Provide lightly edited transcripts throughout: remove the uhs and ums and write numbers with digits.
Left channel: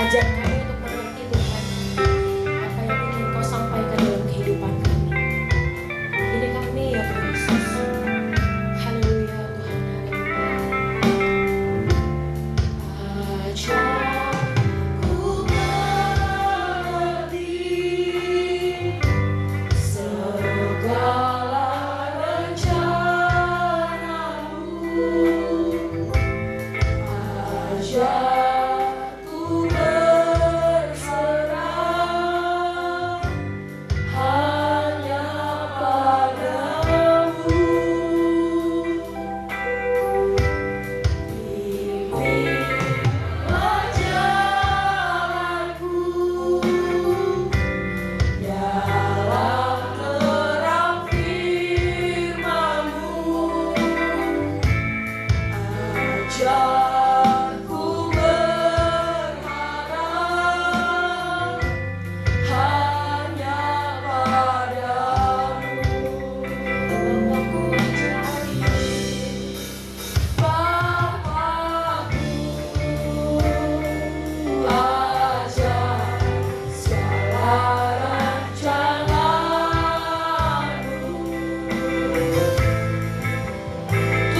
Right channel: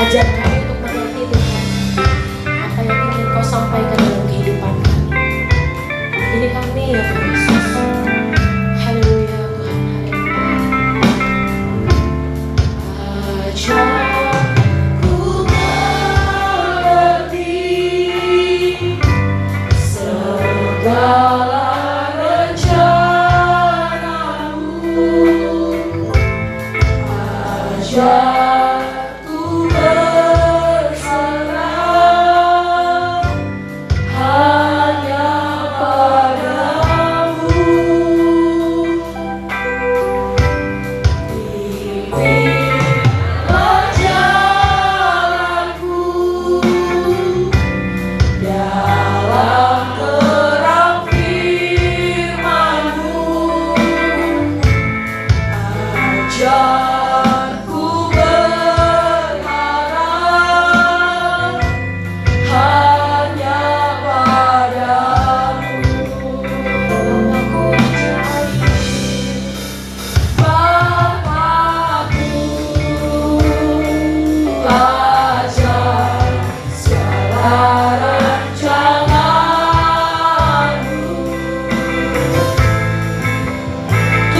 Ajar kami untuk mengerti Tuhan apa yang ingin Kau sampaikan dalam kehidupan kami. Ini kami ya Tuhan Yesus. Haleluya Tuhan, haleluya. Ajar ku mengerti segala rencana-Mu. Ajar ku berserah hanya padamu. Pimpinlah jalanku dalam terang firman-Mu. Ajar ku berharap hanya padamu. Bapakku, ajar segala rencana-Mu.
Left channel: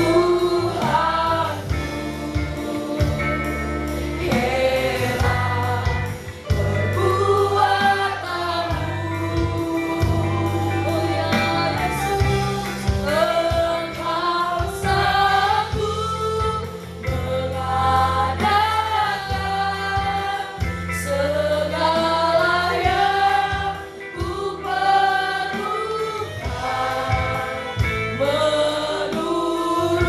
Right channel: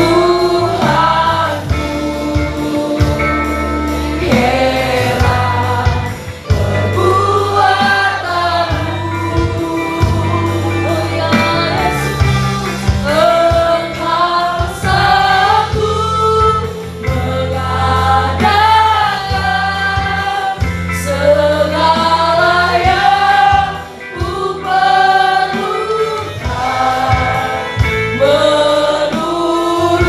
Tuhanku, heran perbuatan-Mu. Oh ya Yesus, Engkau sanggup mengadakan segala yang ku perlukan. Menurut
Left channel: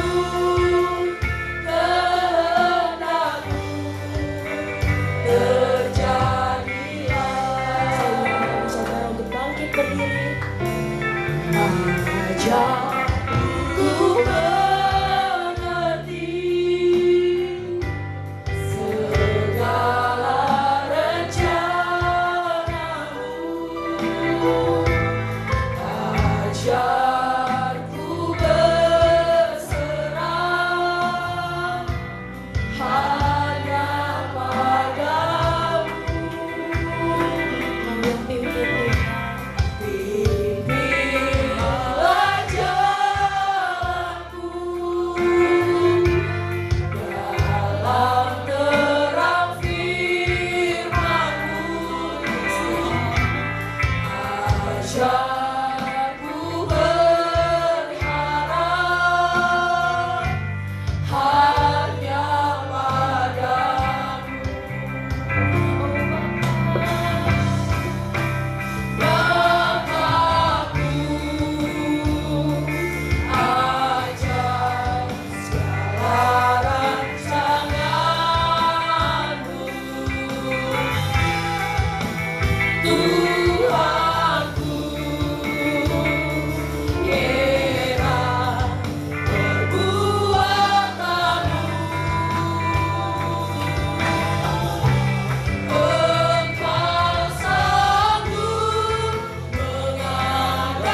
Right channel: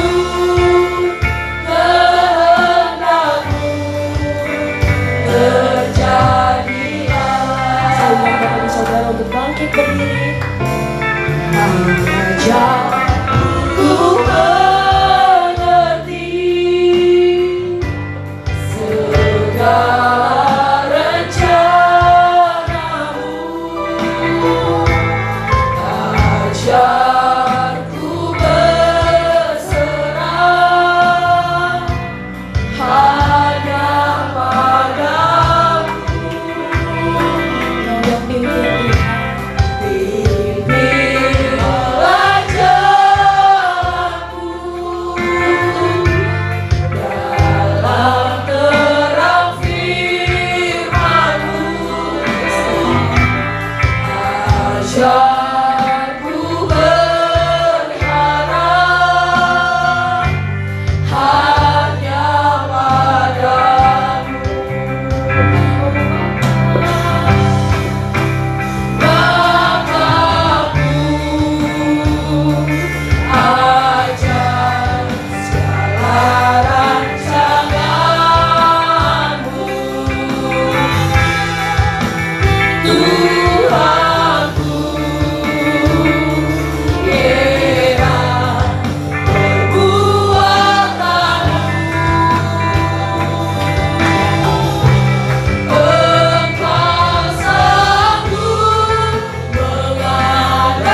kehendak-Mu terjadilah. Saya mengajak saudara untuk bangkit berdiri. Ajar ku mengerti segala rencana-Mu. Ajar ku berserah hanya padamu. Kau yang pimpin Tuhan. Pimpinlah jalanku dalam terang firman-Mu. Ajar ku berharap hanya padamu. Bapakku, ajar segala rancangan-Mu. Tuhanku, heran perbuatan-Mu. Engkau sanggup mengadakan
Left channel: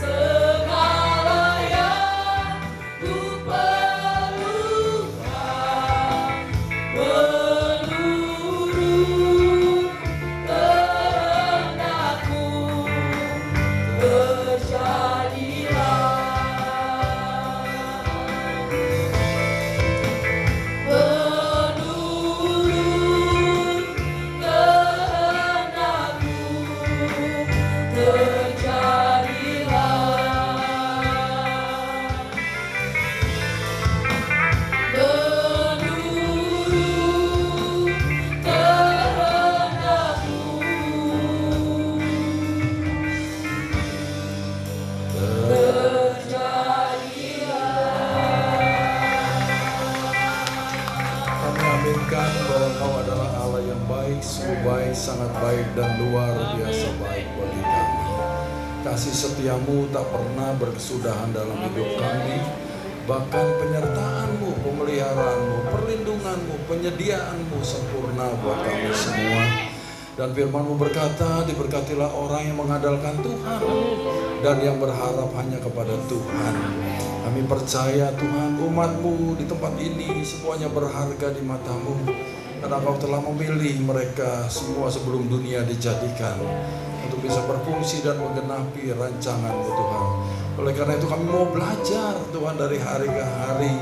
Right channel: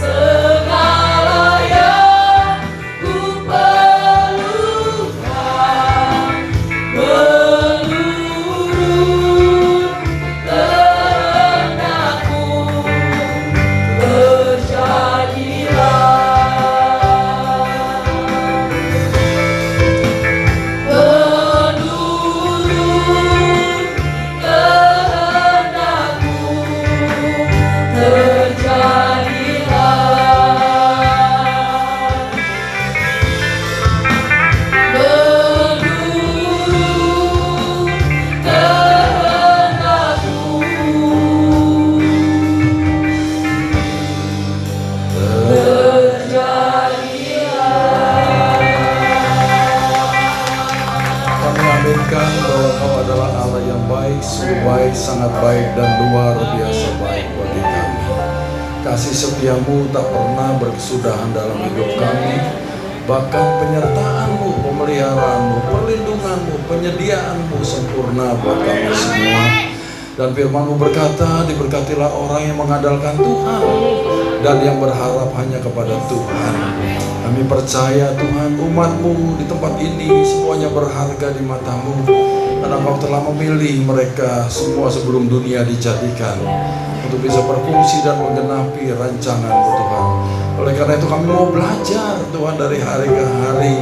segala yang ku perlukan. Menurut kehendak-Mu terjadilah. Menurut kehendak-Mu Kami aminkan bahwa Kau adalah Allah yang baik, sungguh baik, sangat baik, dan luar biasa baik bagi kami. Kasih setia-Mu tak pernah berkesudahan dalam hidup kami. Bahkan penyertaan-Mu, pemeliharaanmu, perlindungan-Mu, penyediaan-Mu sempurna buat kami semua. Dan firman-Mu berkata, diberkatilah orang yang mengandalkan Tuhan dan yang berharap hanya kepada Tuhan. Kami percaya Tuhan, umat-Mu di tempat ini semuanya semuanya berharga di mata-Mu, karena Engkau telah memilih mereka semua sebelum dunia dijadikan untuk bisa berfungsi dan menggenapi rancangan-Mu Tuhan. Oleh karena itu kami mau belajar Tuhan dari hari ke hari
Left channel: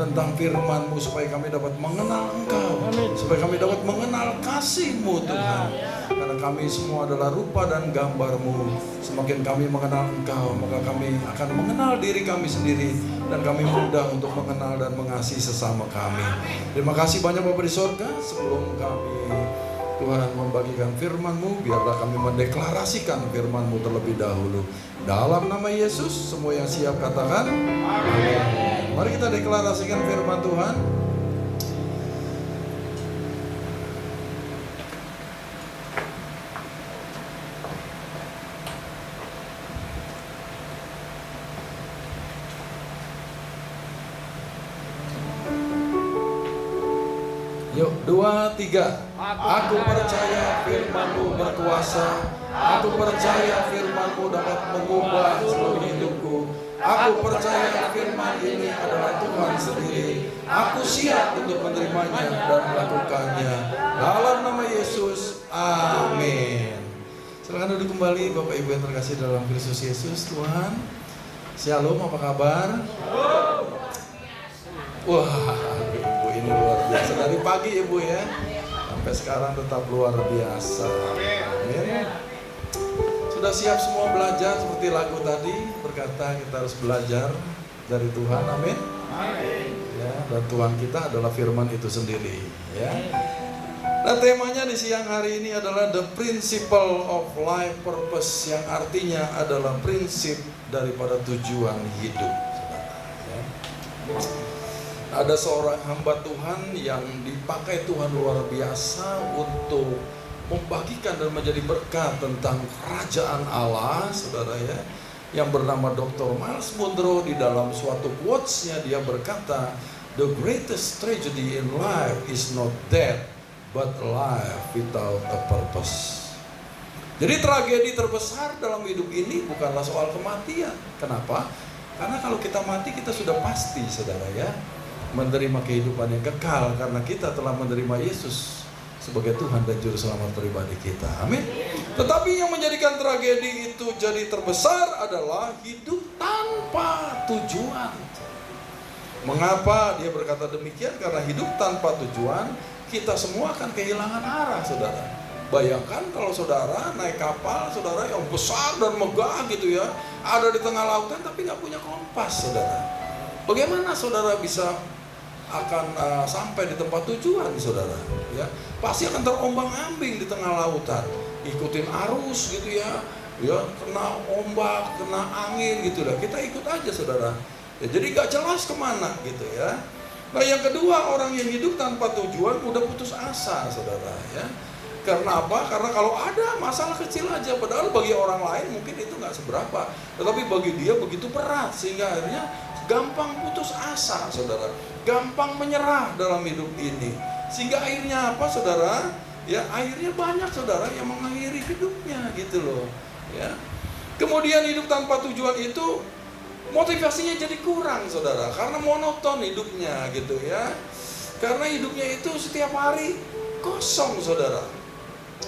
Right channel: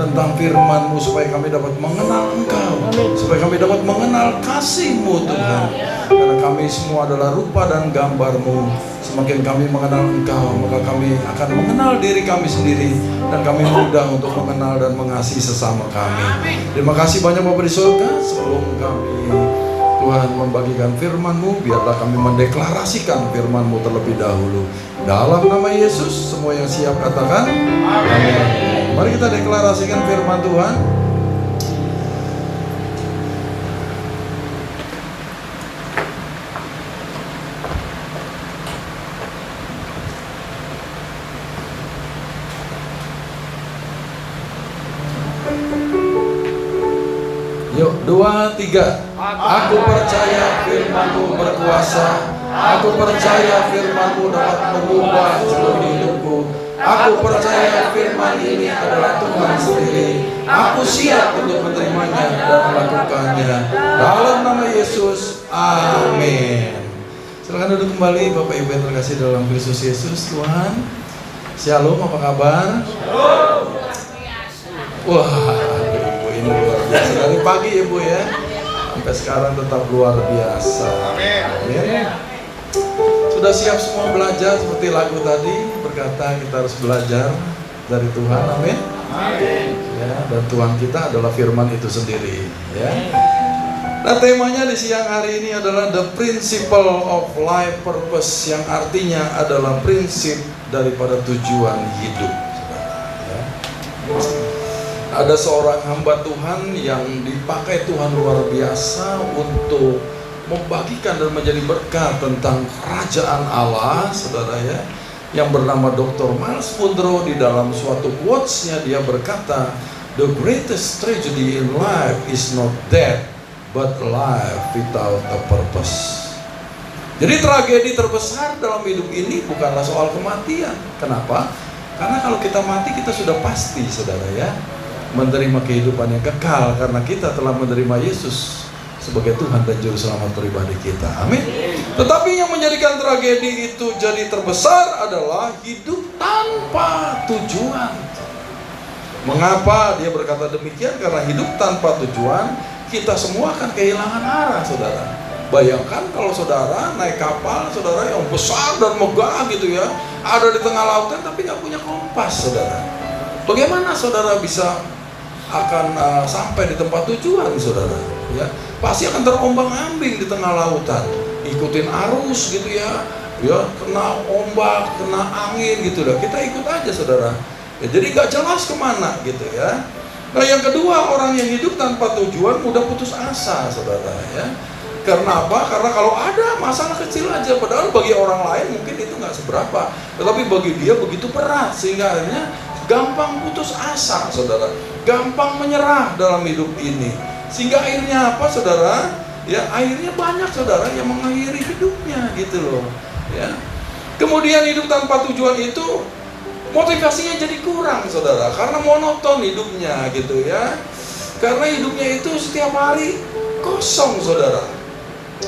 tentang firman-Mu, supaya kami dapat mengenal Engkau, supaya kami dapat mengenal kasih-Mu Tuhan. Karena kami semua adalah rupa dan gambar-Mu. Semakin kami mengenal Engkau, maka kami akan mengenal diri kami sendiri, dan kami mudah untuk mengenal dan mengasihi sesama kami. Terima kasih banyak Bapa di surga. Sebelum kami Tuhan membagikan firman-Mu, biarlah kami mendeklarasikan firman-Mu terlebih dahulu. Dalam nama Yesus, semua yang siap katakan amin. Mari kita deklarasikan firman Tuhan. Yuk, 2, 3. Aku percaya firman-Mu berkuasa. Aku percaya firman-Mu dapat mengubah seluruh hidupku. Aku percaya firman ini adalah Tuhan sendiri. Aku siap untuk menerimanya dan melakukannya. Dalam nama Yesus, amin. Silakan duduk kembali Bapak Ibu yang terkasih dalam Kristus Yesus. Tuhan, shalom, apa kabar? Wah, Ibu ini luar biasa. Dari pagi Ibu ya, sampai sekarang tetap luar biasa. Amin. Sudah siap semua belajar seperti lagu tadi berkata kita harus belajar dari Tuhan. Amin. Ya, dan Tuhan kita adalah firman itu sendiri. Ya. Nah, temanya di siang hari ini adalah the principle of life purpose, yang artinya adalah prinsip daripada tujuan hidup. Ya. Ada seorang hamba Tuhan yang dipakai Tuhan luar biasa untuk membagikan dan menjadi berkat tentang kerajaan Allah, saudara ya, yang bernama Dr. Myles Munroe. Di dalam suatu quotes-nya dia berkata, the greatest tragedy in life is not death, but life without a purpose. Jadi tragedi terbesar dalam hidup ini bukanlah soal kematian. Kenapa? Karena kalau kita mati, kita sudah pasti, saudara ya, menerima kehidupan yang kekal, karena kita telah menerima Yesus sebagai Tuhan dan Juru Selamat pribadi kita. Amin. Tetapi yang menjadikan tragedi itu jadi terbesar adalah hidup tanpa tujuan. Mengapa dia berkata demikian? Karena hidup tanpa tujuan, kita semua akan kehilangan arah, saudara. Bayangkan kalau saudara naik kapal, saudara, yang besar dan megah gitu ya, ada di tengah lautan tapi nggak punya kompas, saudara. Bagaimana saudara bisa akan sampai di tempat tujuan, saudara? Ya, pasti akan terombang-ambing di tengah lautan, ikutin arus gitu ya, kena ombak, kena angin gitu lah. Kita ikut aja, saudara. Ya, jadi nggak jelas kemana gitu ya. Nah, yang kedua, orang yang hidup tanpa tujuan mudah putus asa, saudara ya. Karena apa? Karena kalau ada masalah kecil aja, padahal bagi orang lain mungkin itu nggak seberapa, tetapi bagi dia begitu berat, sehingga akhirnya gampang putus asa, saudara. Gampang menyerah dalam hidup ini, sehingga akhirnya apa, saudara? Ya, akhirnya banyak saudara yang mengakhiri hidupnya gitu loh. Ya. Kemudian hidup tanpa tujuan itu motivasinya jadi kurang, saudara, karena monoton hidupnya gitu ya. Karena hidupnya itu setiap hari kosong, saudara.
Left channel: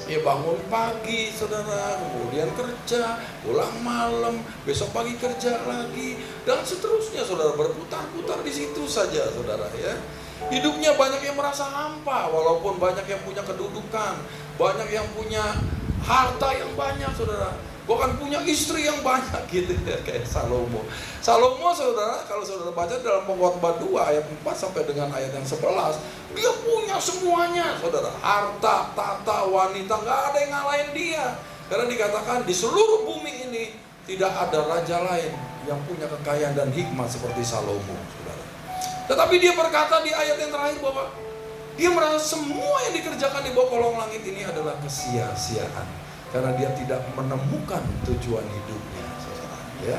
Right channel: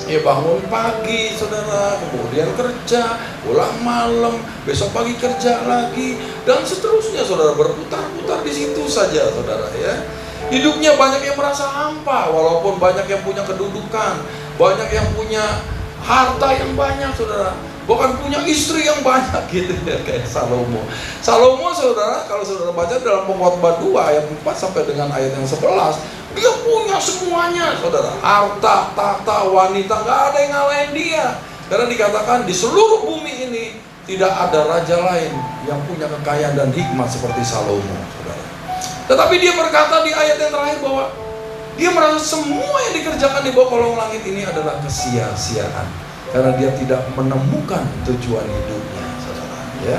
Ya, bangun pagi, saudara, kemudian kerja, pulang malam, besok pagi kerja lagi, dan seterusnya, saudara, berputar-putar di situ saja, saudara ya. Hidupnya banyak yang merasa hampa, walaupun banyak yang punya kedudukan, banyak yang punya harta yang banyak, saudara, bahkan punya istri yang banyak gitu ya, kayak Salomo. Salomo, saudara, kalau saudara baca dalam Pengkhotbah 2 ayat 4 sampai dengan ayat yang 11, dia punya semuanya, saudara. Harta, tahta, wanita, nggak ada yang ngalahin dia. Karena dikatakan di seluruh bumi ini tidak ada raja lain yang punya kekayaan dan hikmat seperti Salomo, saudara. Tetapi dia berkata di ayat yang terakhir bahwa dia merasa semua yang dikerjakan di bawah kolong langit ini adalah kesia-siaan, karena dia tidak menemukan tujuan hidupnya, saudara ya.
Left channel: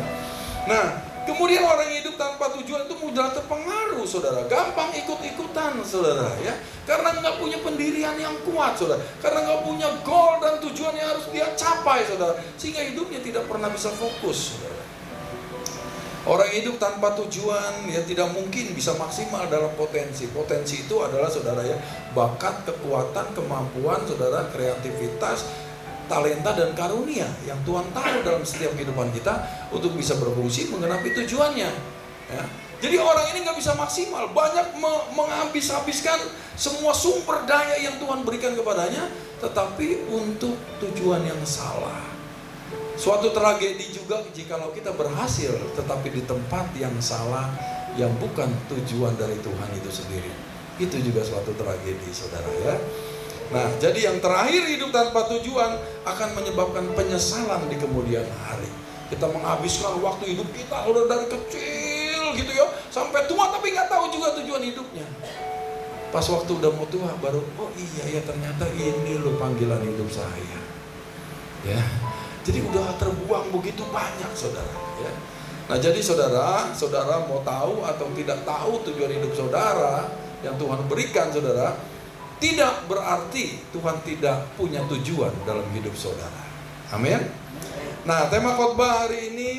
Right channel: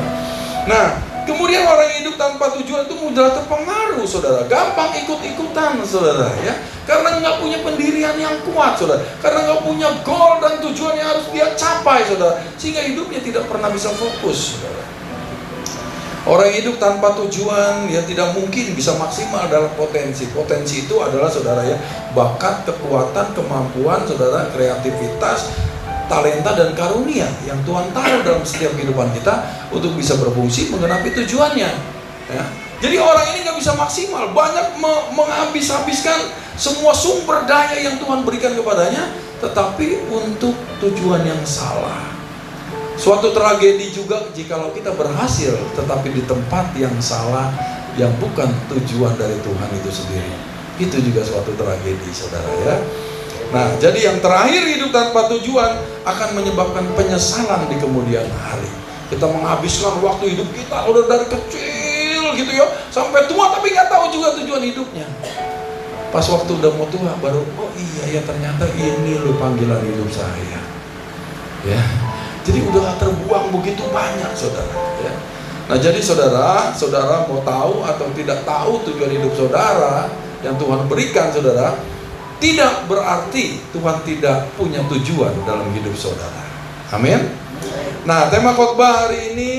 Nah, kemudian orang yang hidup tanpa tujuan itu mudah terpengaruh, saudara, gampang ikut-ikutan, saudara ya, karena nggak punya pendirian yang kuat, saudara, karena nggak punya goal dan tujuan yang harus dia capai, saudara, sehingga hidupnya tidak pernah bisa fokus, saudara. Orang hidup tanpa tujuan ya tidak mungkin bisa maksimal dalam potensi. Potensi itu adalah saudara ya, bakat, kekuatan, kemampuan saudara, kreativitas, talenta dan karunia yang Tuhan taruh dalam setiap kehidupan kita untuk bisa berfungsi menggenapi tujuannya. Ya. Jadi orang ini nggak bisa maksimal, banyak menghabis-habiskan semua sumber daya yang Tuhan berikan kepadanya, tetapi untuk tujuan yang salah. Suatu tragedi juga jikalau kita berhasil tetapi di tempat yang salah, yang bukan tujuan dari Tuhan itu sendiri. Itu juga suatu tragedi saudara ya. Nah jadi yang terakhir, hidup tanpa tujuan akan menyebabkan penyesalan di kemudian hari. Kita menghabiskan waktu hidup kita udah dari kecil gitu ya sampai tua, tapi nggak tahu juga tujuan hidupnya. Pas waktu udah mau tua baru, oh iya ya ternyata ini loh panggilan hidup saya ya. Jadi udah terbuang begitu banyak saudara ya. Nah jadi saudara mau tahu atau tidak tahu tujuan hidup saudara yang Tuhan berikan saudara, tidak berarti Tuhan tidak punya tujuan dalam hidup saudara. Amin. Nah tema khotbah hari ini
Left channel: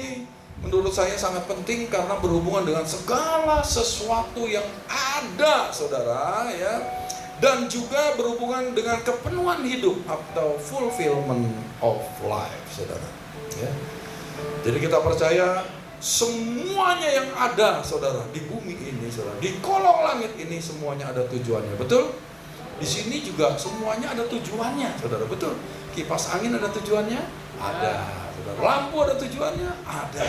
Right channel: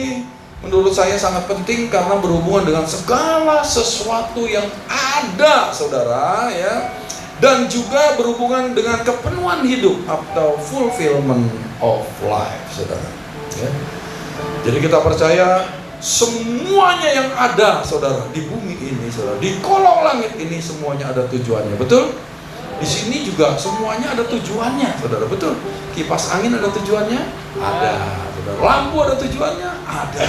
menurut saya sangat penting karena berhubungan dengan segala sesuatu yang ada saudara ya, dan juga berhubungan dengan kepenuhan hidup atau fulfillment of life saudara ya. Jadi kita percaya semuanya yang ada saudara di bumi ini saudara, di kolong langit ini semuanya ada tujuannya, betul? Di sini juga semuanya ada tujuannya saudara, betul? Kipas angin ada tujuannya? Ada saudara. Lampu ada tujuannya? Ada.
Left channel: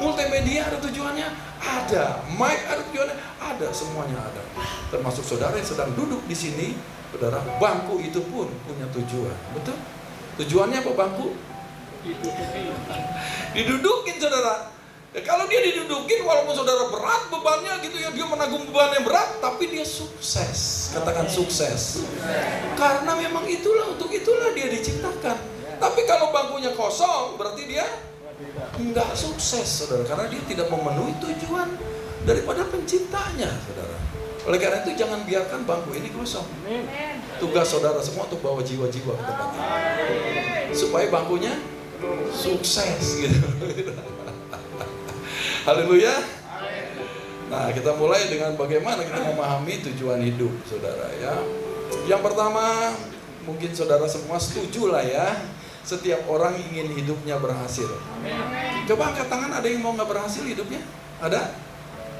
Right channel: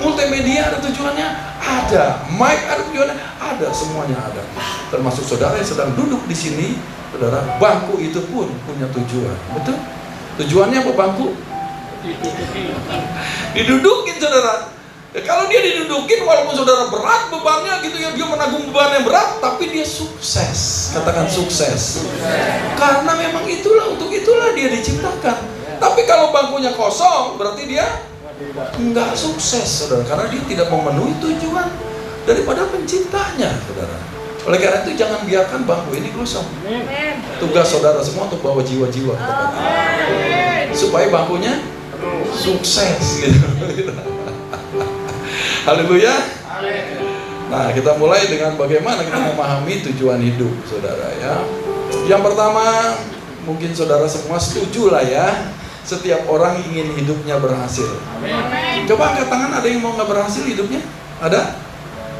Multimedia ada tujuannya? Ada. Mic ada tujuannya? Ada. Semuanya ada. Termasuk saudara yang sedang duduk di sini saudara, bangku itu pun punya tujuan, betul? Tujuannya apa bangku? Didudukin saudara. Ya, kalau dia didudukin walaupun saudara berat bebannya gitu ya, dia menanggung beban yang berat, tapi dia sukses. Katakan sukses. Karena memang untuk itulah dia diciptakan. Tapi kalau bangkunya kosong berarti dia enggak sukses saudara, karena dia tidak memenuhi tujuan daripada penciptanya saudara. Oleh karena itu jangan biarkan bangku ini kosong. Tugas saudara semua untuk bawa jiwa-jiwa supaya bangkunya sukses gitu. Haleluya. Nah kita mulai dengan bagaimana kita memahami tujuan hidup saudara ya. Yang pertama, mungkin saudara semua setuju lah ya, setiap orang ingin hidupnya berhasil. Coba angkat tangan, ada yang mau nggak berhasil hidupnya? Ada?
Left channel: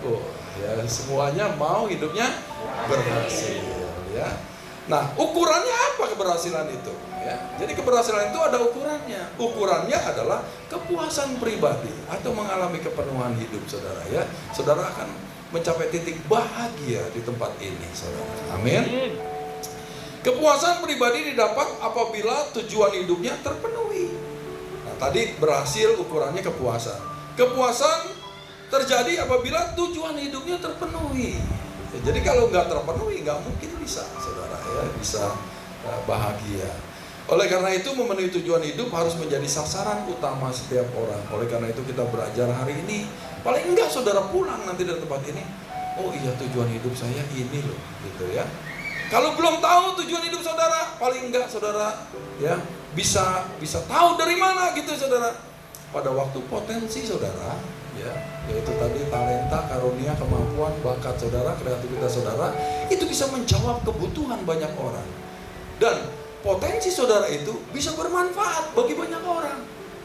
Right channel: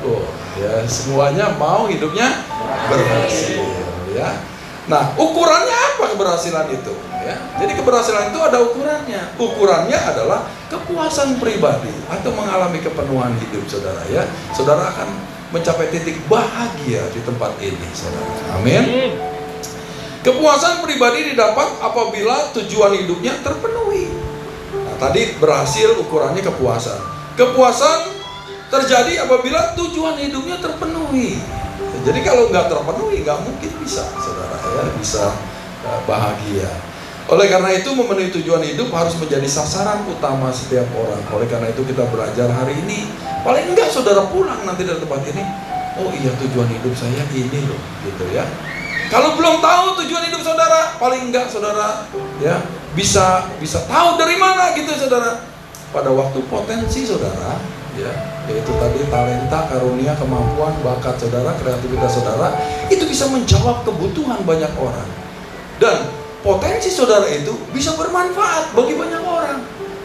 Oh ya, semuanya mau hidupnya berhasil ya. Nah ukurannya apa keberhasilan itu ya? Jadi keberhasilan itu ada ukurannya. Ukurannya adalah kepuasan pribadi atau mengalami kepenuhan hidup saudara ya. Saudara akan mencapai titik bahagia di tempat ini saudara. Amin. Kepuasan pribadi didapat apabila tujuan hidupnya terpenuhi. Nah, tadi berhasil ukurannya kepuasan. Kepuasan terjadi apabila tujuan hidupnya terpenuhi. Jadi kalau nggak terpenuhi nggak mungkin bisa saudara ya bisa bahagia. Oleh karena itu memenuhi tujuan hidup harus menjadi sasaran utama setiap orang. Oleh karena itu kita belajar hari ini, paling enggak saudara pulang nanti dari tempat ini, oh iya tujuan hidup saya ini loh gitu ya. Kalau belum tahu tujuan hidup saudara, paling enggak saudara ya bisa tahu dari mana gitu saudara. Pada waktu potensi saudara ya, yaitu tadi talenta, karunia, kemampuan, bakat saudara, kreativitas saudara, itu bisa menjawab kebutuhan banyak orang. Dan potensi saudara itu bisa bermanfaat bagi banyak orang.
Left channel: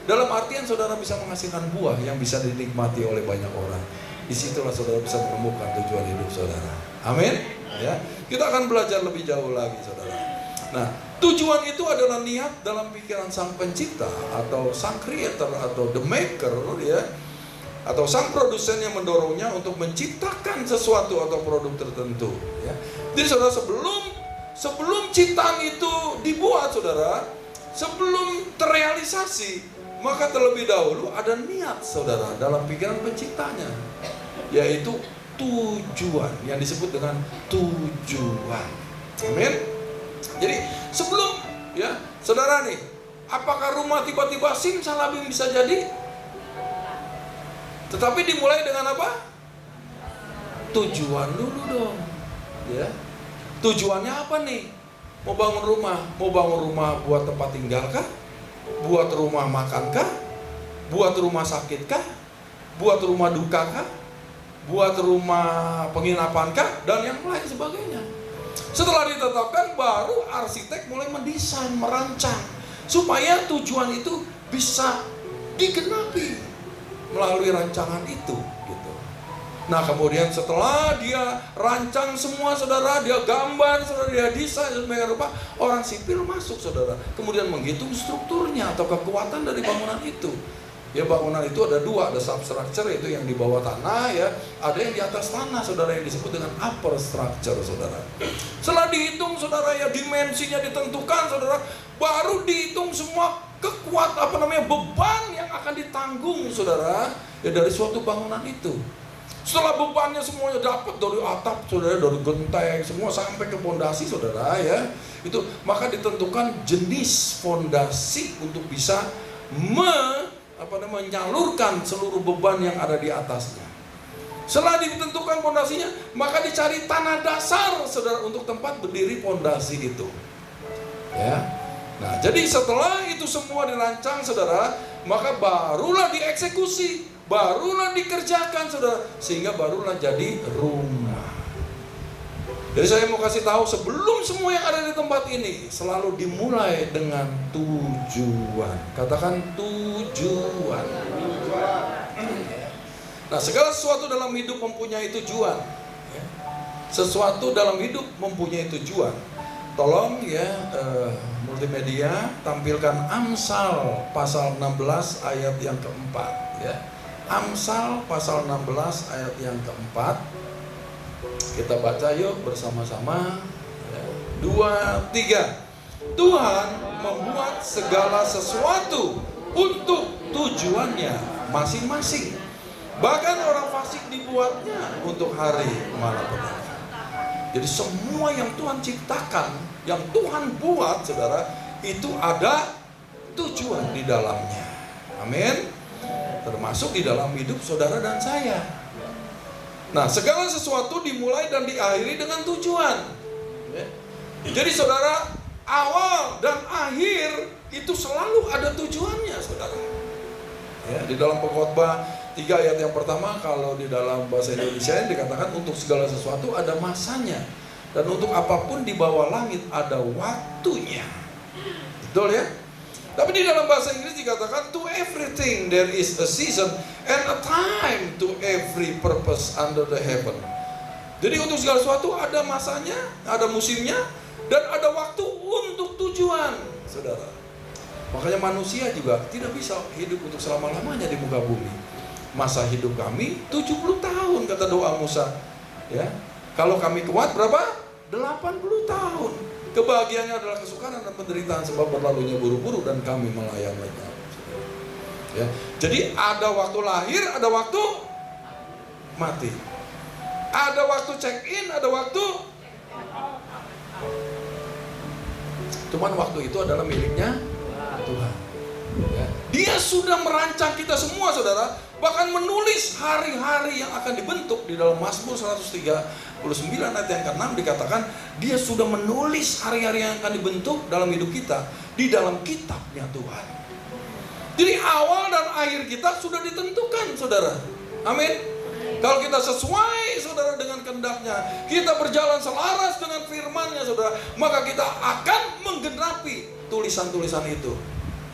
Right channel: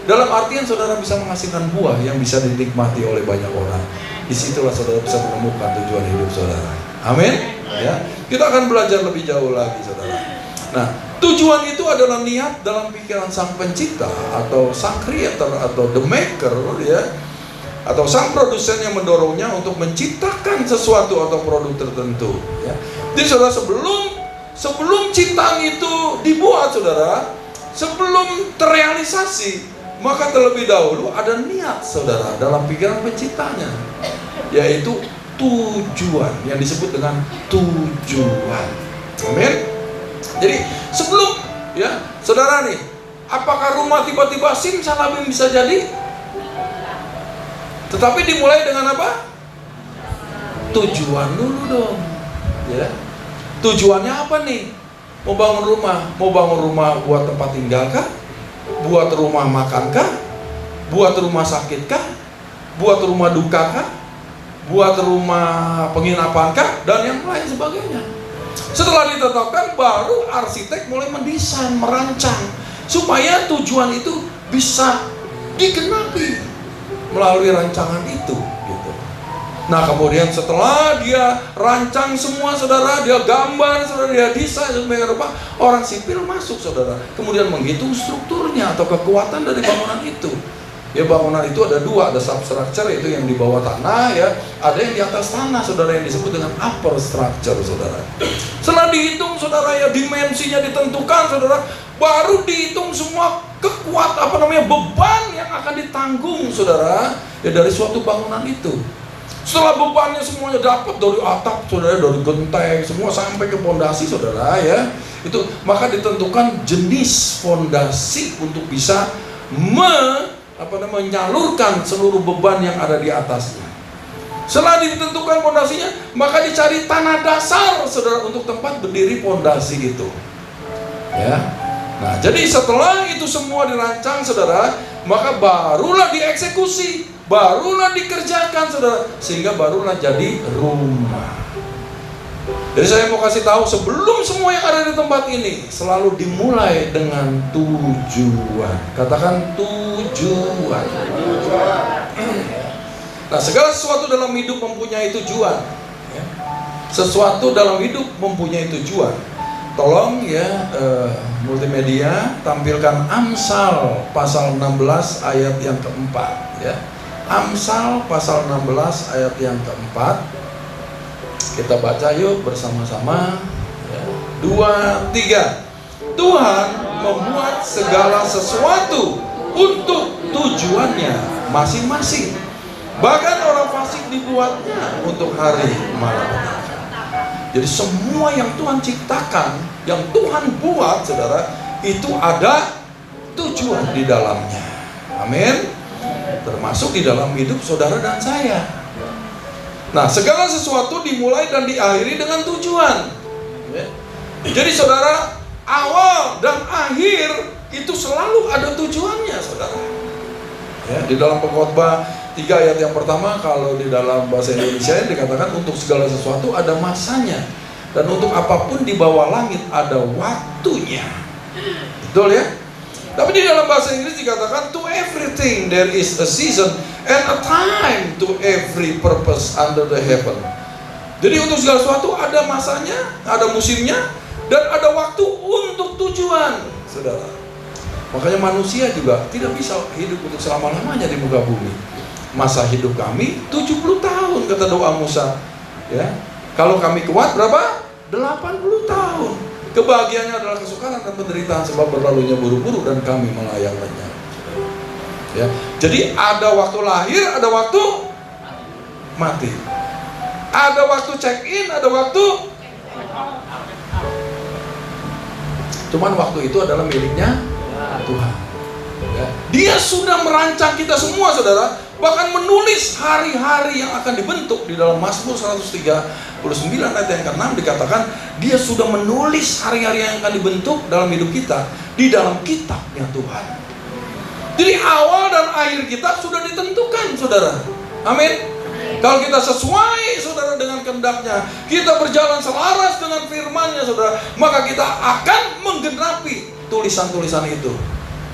Dalam artian saudara bisa menghasilkan buah yang bisa dinikmati oleh banyak orang. Disitulah saudara bisa menemukan tujuan hidup saudara. Amin. Ya, kita akan belajar lebih jauh lagi saudara. Nah, tujuan itu adalah niat dalam pikiran sang pencipta atau sang creator atau the maker ya, atau sang produsen yang mendorongnya untuk menciptakan sesuatu atau produk tertentu ya. Jadi saudara sebelum ciptaan itu dibuat saudara, sebelum terrealisasi, maka terlebih dahulu ada niat saudara dalam pikiran penciptanya, yaitu tujuan yang disebut dengan tujuan. Amin. Jadi sebelum ya saudara nih, apakah rumah tiba-tiba simsalabim bisa jadi? Tetapi dimulai dengan apa? Tujuan dulu dong ya. Tujuannya apa nih? Mau bangun rumah buat tempat tinggal kah? Buat rumah makan kah? Buat rumah sakit kah? Buat rumah duka kah? Buat rumah penginapan kah? Dan yang lain sebagainya. Setelah ditetapkan, baru arsitek mulai mendesain, merancang, supaya tujuan itu bisa digenapi melalui rancangan itu gitu. Nah kemudian setelah dia rancang semua saudara, dia gambar saudara, dia desain sampai rupa, orang sipil masuk saudara, kemudian menghitung strukturnya atau kekuatan dari bangunan itu. Ya bangunan itu ada dua, ada substructure itu yang di bawah tanah ya, ada yang di atas tanah saudara yang disebut dengan upper structure saudara. Setelah dihitung saudara ya, dimensinya ditentukan saudara, baru dihitung semua beban yang akan ditanggung saudara ya dari suatu bangunan itu. Setelah bebannya semuanya dapat dari atap saudara, dari genteng semua sampai ke fondasi saudara ya, itu maka ditentukan jenis fondasi untuk bisa menyalurkan seluruh beban yang ada di atasnya. Setelah ditentukan fondasinya, maka dicari tanah dasar saudara untuk tempat berdiri fondasi itu. Ya. Nah, jadi setelah itu semua dirancang saudara, maka barulah dieksekusi, barulah dikerjakan saudara, sehingga barulah jadi rumah. Jadi saya mau kasih tahu, sebelum semua yang ada di tempat ini selalu dimulai dengan tujuan. Katakan tujuan. Nah, segala sesuatu dalam hidup mempunyai tujuan. Sesuatu dalam hidup mempunyai tujuan. Tolong ya multimedia tampilkan Amsal pasal 16 ayat yang keempat ya. Amsal pasal 16 ayat yang keempat. Kita baca yuk bersama-sama ya. 2, 3. Tuhan membuat segala sesuatu untuk tujuannya masing-masing. Bahkan orang fasik dibuatnya untuk hari malapetaka. Jadi semua yang Tuhan ciptakan, yang Tuhan buat saudara, itu ada tujuan di dalamnya. Amin. Termasuk di dalam hidup saudara dan saya. Nah, segala sesuatu dimulai dan diakhiri dengan tujuan. Jadi saudara, awal dan akhir itu selalu ada tujuannya saudara. Ya, di dalam Pengkhotbah 3 ayat yang pertama, kalau di dalam bahasa Indonesia dikatakan untuk segala sesuatu ada masanya, dan untuk apapun di bawah langit ada waktunya. Betul ya? Tapi di dalam bahasa Inggris dikatakan to everything there is a season and a time to every purpose under the heaven. Jadi untuk segala sesuatu ada masanya, ada musimnya, dan ada waktu untuk tujuan, saudara. Makanya manusia juga tidak bisa hidup untuk selama-lamanya di muka bumi. Masa hidup kami 70 tahun kata doa Musa. Ya. Kalau kami kuat berapa? 80 tahun. Kebahagiaannya adalah kesukaran dan penderitaan sebab berlalunya buru-buru dan kami melayaninya. Ya. Jadi ada waktu lahir, ada waktu mati. Ada waktu check in, ada waktu. Cuman waktu itu adalah miliknya Tuhan. Ya. Dia sudah merancang kita semua saudara. Bahkan menulis hari-hari yang akan dibentuk. Di dalam Mazmur 139 ayat yang ke-6 dikatakan dia sudah menulis hari-hari yang akan dibentuk dalam hidup kita di dalam kitabnya Tuhan. Jadi awal dan akhir kita sudah ditentukan saudara. Amin. Kalau kita sesuai saudara dengan kehendaknya, kita berjalan selaras dengan firman-Nya saudara, maka kita akan menggenapi tulisan-tulisan itu.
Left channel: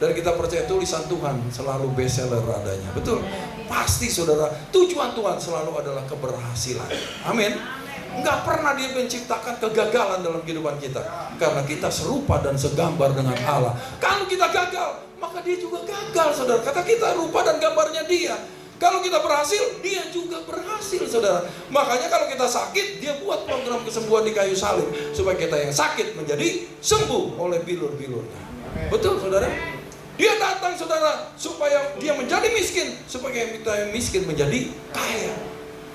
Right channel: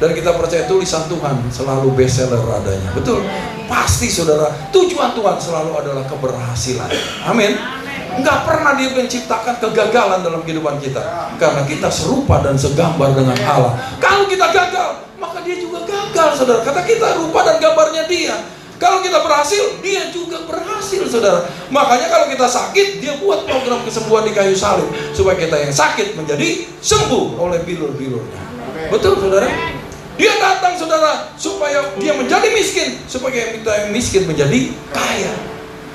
Dan kita percaya tulisan Tuhan selalu bestseller adanya. Betul? Pasti saudara, tujuan Tuhan selalu adalah keberhasilan. Amin. Enggak pernah dia menciptakan kegagalan dalam kehidupan kita. Karena kita serupa dan segambar dengan Allah. Kalau kita gagal, maka dia juga gagal saudara. Kata kita rupa dan gambarnya dia. Kalau kita berhasil, dia juga berhasil saudara. Makanya kalau kita sakit, dia buat program kesembuhan di kayu salib. Supaya kita yang sakit menjadi sembuh oleh bilur-bilurnya. Betul saudara? Dia datang saudara supaya dia menjadi miskin, supaya kita yang miskin menjadi kaya.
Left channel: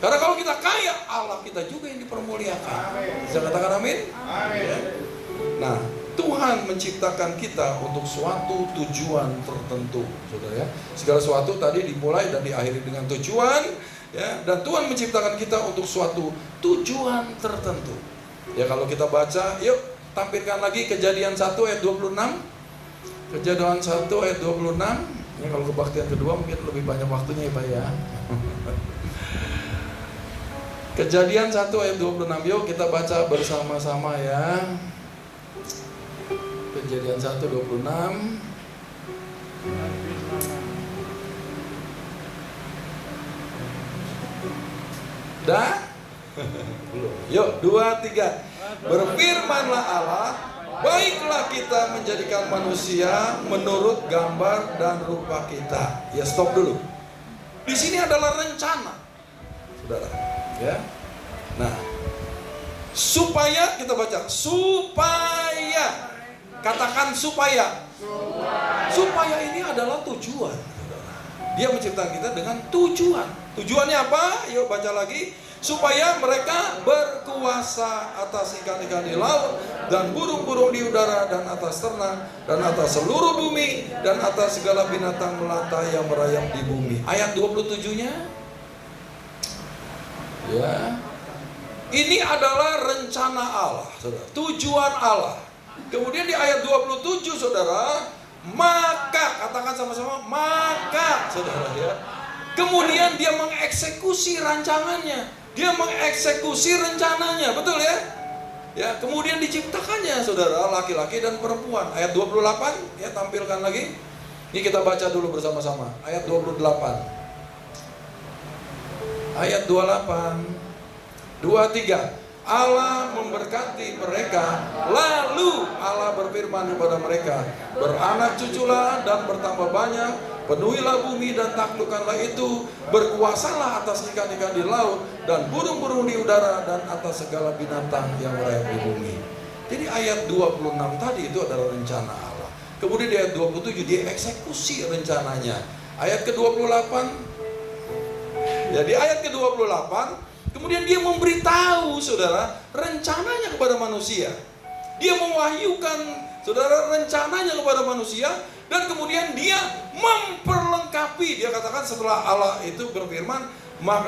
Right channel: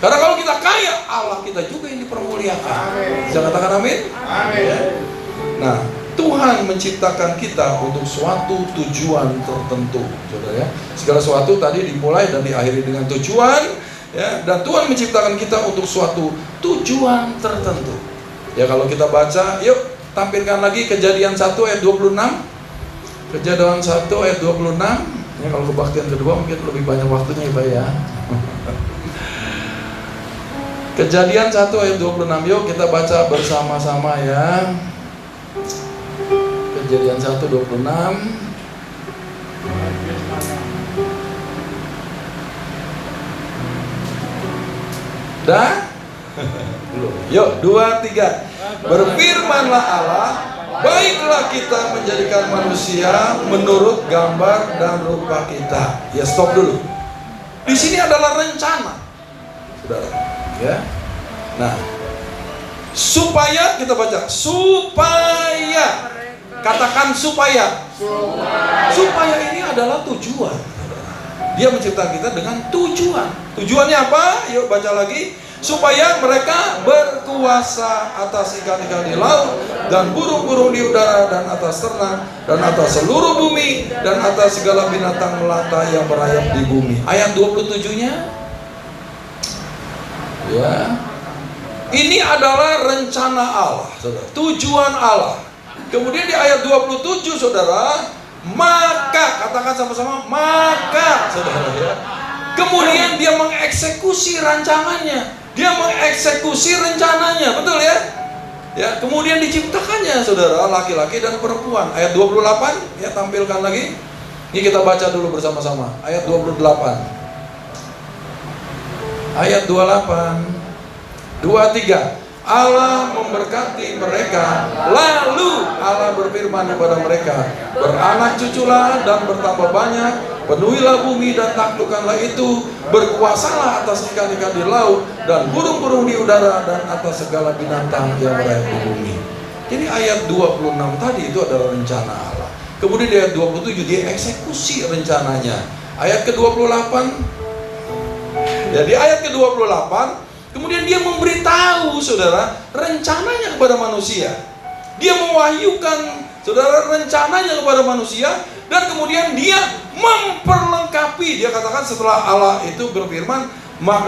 Karena kalau kita kaya, Allah kita juga yang dipermuliakan. Bisa katakan amin? Amin. Nah, Tuhan menciptakan kita untuk suatu tujuan tertentu, saudara ya. Segala sesuatu tadi dimulai dan diakhiri dengan tujuan, ya. Dan Tuhan menciptakan kita untuk suatu tujuan tertentu. Ya kalau kita baca, yuk tampilkan lagi Kejadian 1 ayat 26. Kejadian 1 ayat 26. Ya, kalau kebaktian kedua mungkin lebih banyak waktunya Pak ya. Kejadian 1 ayat 26, yuk kita baca bersama-sama ya. Kejadian 1:26. Dah? Yuk, 2, 3. Berfirmanlah Allah, baiklah kita menjadikan manusia menurut gambar dan rupa kita. Ya, stop dulu. Di sini adalah rencana, saudara. Ya. Nah, supaya kita baca, supaya, katakan supaya. Supaya ini adalah tujuan. Dia menciptakan kita dengan tujuan. Tujuannya apa? Yuk baca lagi. Supaya mereka berkuasa atas ikan-ikan di laut dan burung-burung di udara dan atas ternak dan atas seluruh bumi dan atas segala binatang melata yang merayap di bumi. Ayat 27-nya. Ya. Ini adalah rencana Allah, saudara. Tujuan Allah. Kemudian di ayat 27, saudara, maka, katakan sama-sama, maka, saudara ya. Kemudian dia mengeksekusi rancangannya. Dia mengeksekusi rencananya, betul ya? Ya, kemudian diciptakannya, saudara, laki-laki dan perempuan. Ayat 28, ya tampilkan lagi. Ini kita baca dulu bersama-sama. Ayat 28. Ayat 28. 2, 3. Allah memberkati mereka, lalu Allah berfirman kepada mereka, beranak cuculah dan bertambah banyak, penuhilah bumi dan taklukkanlah itu, berkuasalah atas ikan-ikan di laut dan burung-burung di udara dan atas segala binatang yang merayap di bumi. Jadi ayat 26 tadi itu adalah rencana Allah. Kemudian di ayat 27 dia eksekusi rencananya. Ayat ke-28, jadi ayat ke-28, kemudian dia memberitahu, saudara, rencananya kepada manusia. Dia mewahyukan, saudara, rencananya kepada manusia. Dan kemudian dia memperlengkapi. Dia katakan setelah Allah itu berfirman,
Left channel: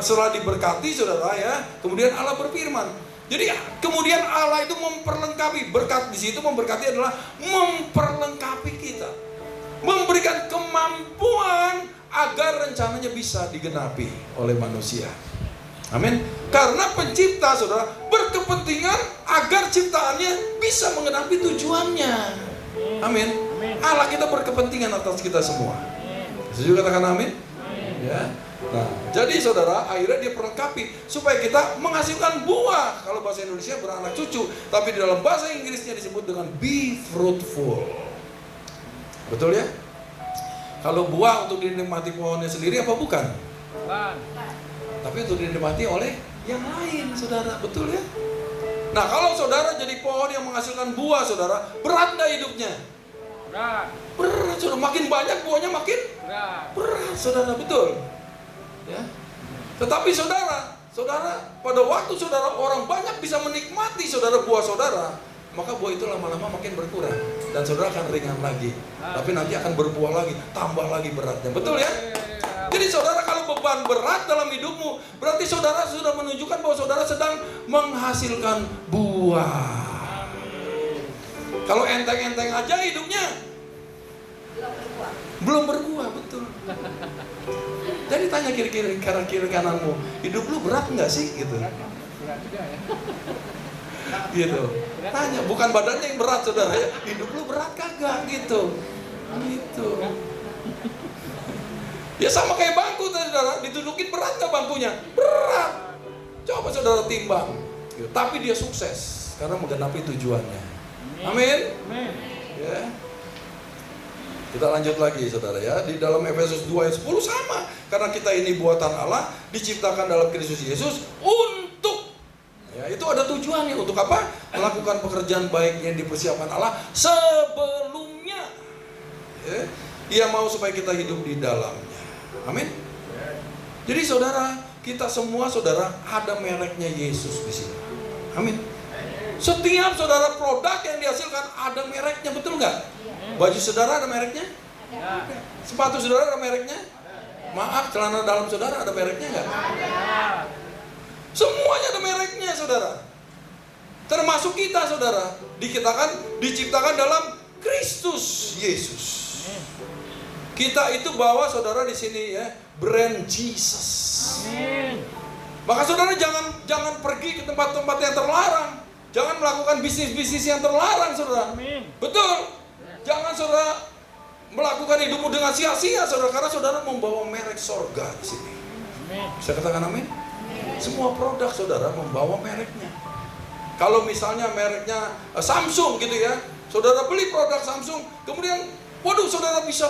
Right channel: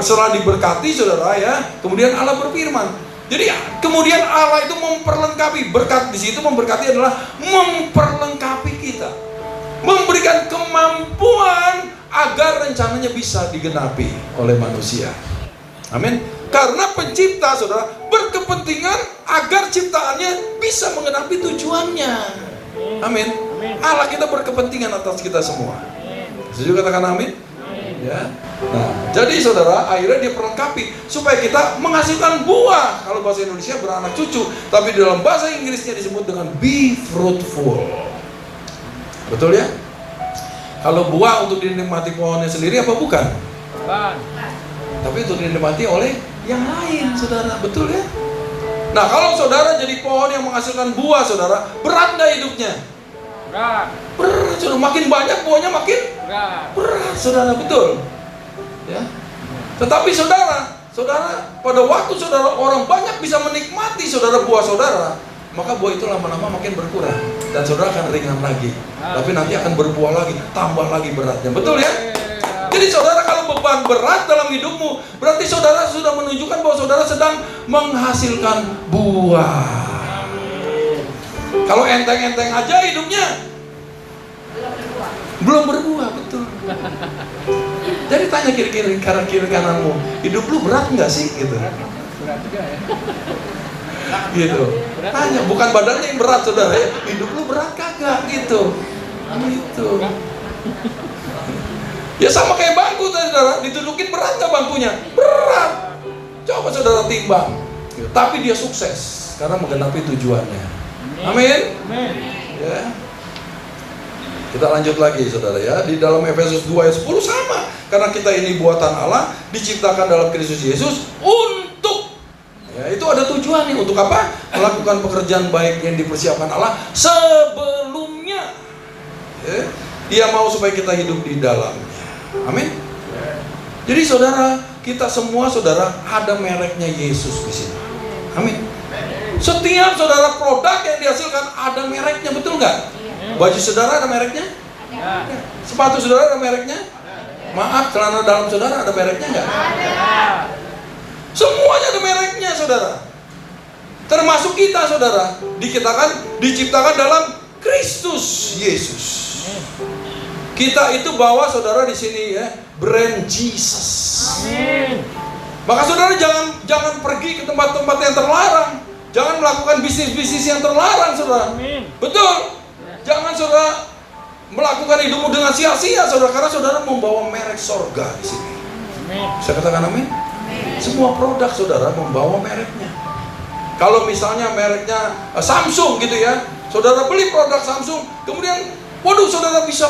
setelah diberkati, saudara ya, kemudian Allah berfirman. Jadi kemudian Allah itu memperlengkapi. Berkat di situ memberkati adalah memperlengkapi kita, memberikan kemampuan agar rencananya bisa digenapi oleh manusia. Amin. Karena pencipta, saudara, berkepentingan agar ciptaannya bisa menggenapi tujuannya. Amin. Allah kita berkepentingan atas kita semua. Setuju katakan amin? Ya. Nah, jadi saudara, akhirnya dia perlengkapi supaya kita menghasilkan buah. Kalau bahasa Indonesia beranak cucu, tapi di dalam bahasa Inggrisnya disebut dengan be fruitful. Betul ya? Kalau buah untuk dinikmati pohonnya sendiri apa bukan? Bukan. Tapi untuk dinikmati oleh yang lain, saudara, betul ya? Nah, kalau saudara jadi pohon yang menghasilkan buah, saudara, berat nggak hidupnya? Berat. Berat, saudara. Makin banyak buahnya makin berat. Berat, saudara, betul. Ya. Tetapi saudara, pada waktu saudara orang banyak bisa menikmati saudara buah saudara, maka buah itu lama-lama makin berkurang dan saudara akan ringan lagi. Tapi nanti akan berbuah lagi, tambah lagi beratnya, betul ya? Jadi saudara, kalau beban berat dalam hidupmu, berarti saudara sudah menunjukkan bahwa saudara sedang menghasilkan buah. Kalau enteng-enteng aja hidupnya, belum berbuah, betul. Jadi tanya kiri kananmu, hidup lu berat nggak sih? Gitu. Berat juga ya. Gitu. Tanya, bukan badannya yang berat, saudara. Hidup lu berat kagak? Gitu. Gitu. Ya sama kayak bangku, saudara, ditudukin berat nggak bangkunya? Berat. Coba saudara timbang. Tapi dia sukses karena menggenapi tujuannya. Amin. Amin. Ya. Kita lanjut lagi, saudara ya. Di dalam Efesus 2 ayat 10 sama. Karena kita ini buatan Allah, diciptakan dalam Kristus Yesus untuk, ya, itu ada tujuannya. Untuk apa? Melakukan pekerjaan baik yang dipersiapkan Allah sebelumnya. Ya. Dia mau supaya kita hidup di dalamnya. Amin. Jadi saudara, kita semua saudara ada mereknya Yesus di sini. Amin. Setiap saudara produk yang dihasilkan ada mereknya, betul nggak? Baju saudara ada mereknya? Ada. Sepatu saudara ada mereknya? Maaf, celana dalam saudara ada mereknya nggak? Ada. Semuanya ada mereknya, saudara. Termasuk kita, saudara, diciptakan dalam Kristus Yesus. Kita itu bawa saudara di sini ya, brand Jesus. Amin. Maka saudara jangan pergi ke tempat-tempat yang terlarang. Jangan melakukan bisnis-bisnis yang terlarang, saudara. Amin. Betul. Jangan saudara melakukan hidupmu dengan sia-sia, saudara, karena saudara membawa merek sorga di sini. Amin. Bisa katakan amin? Semua produk saudara membawa mereknya. Kalau misalnya mereknya Samsung gitu ya, saudara beli produk Samsung, kemudian waduh saudara bisa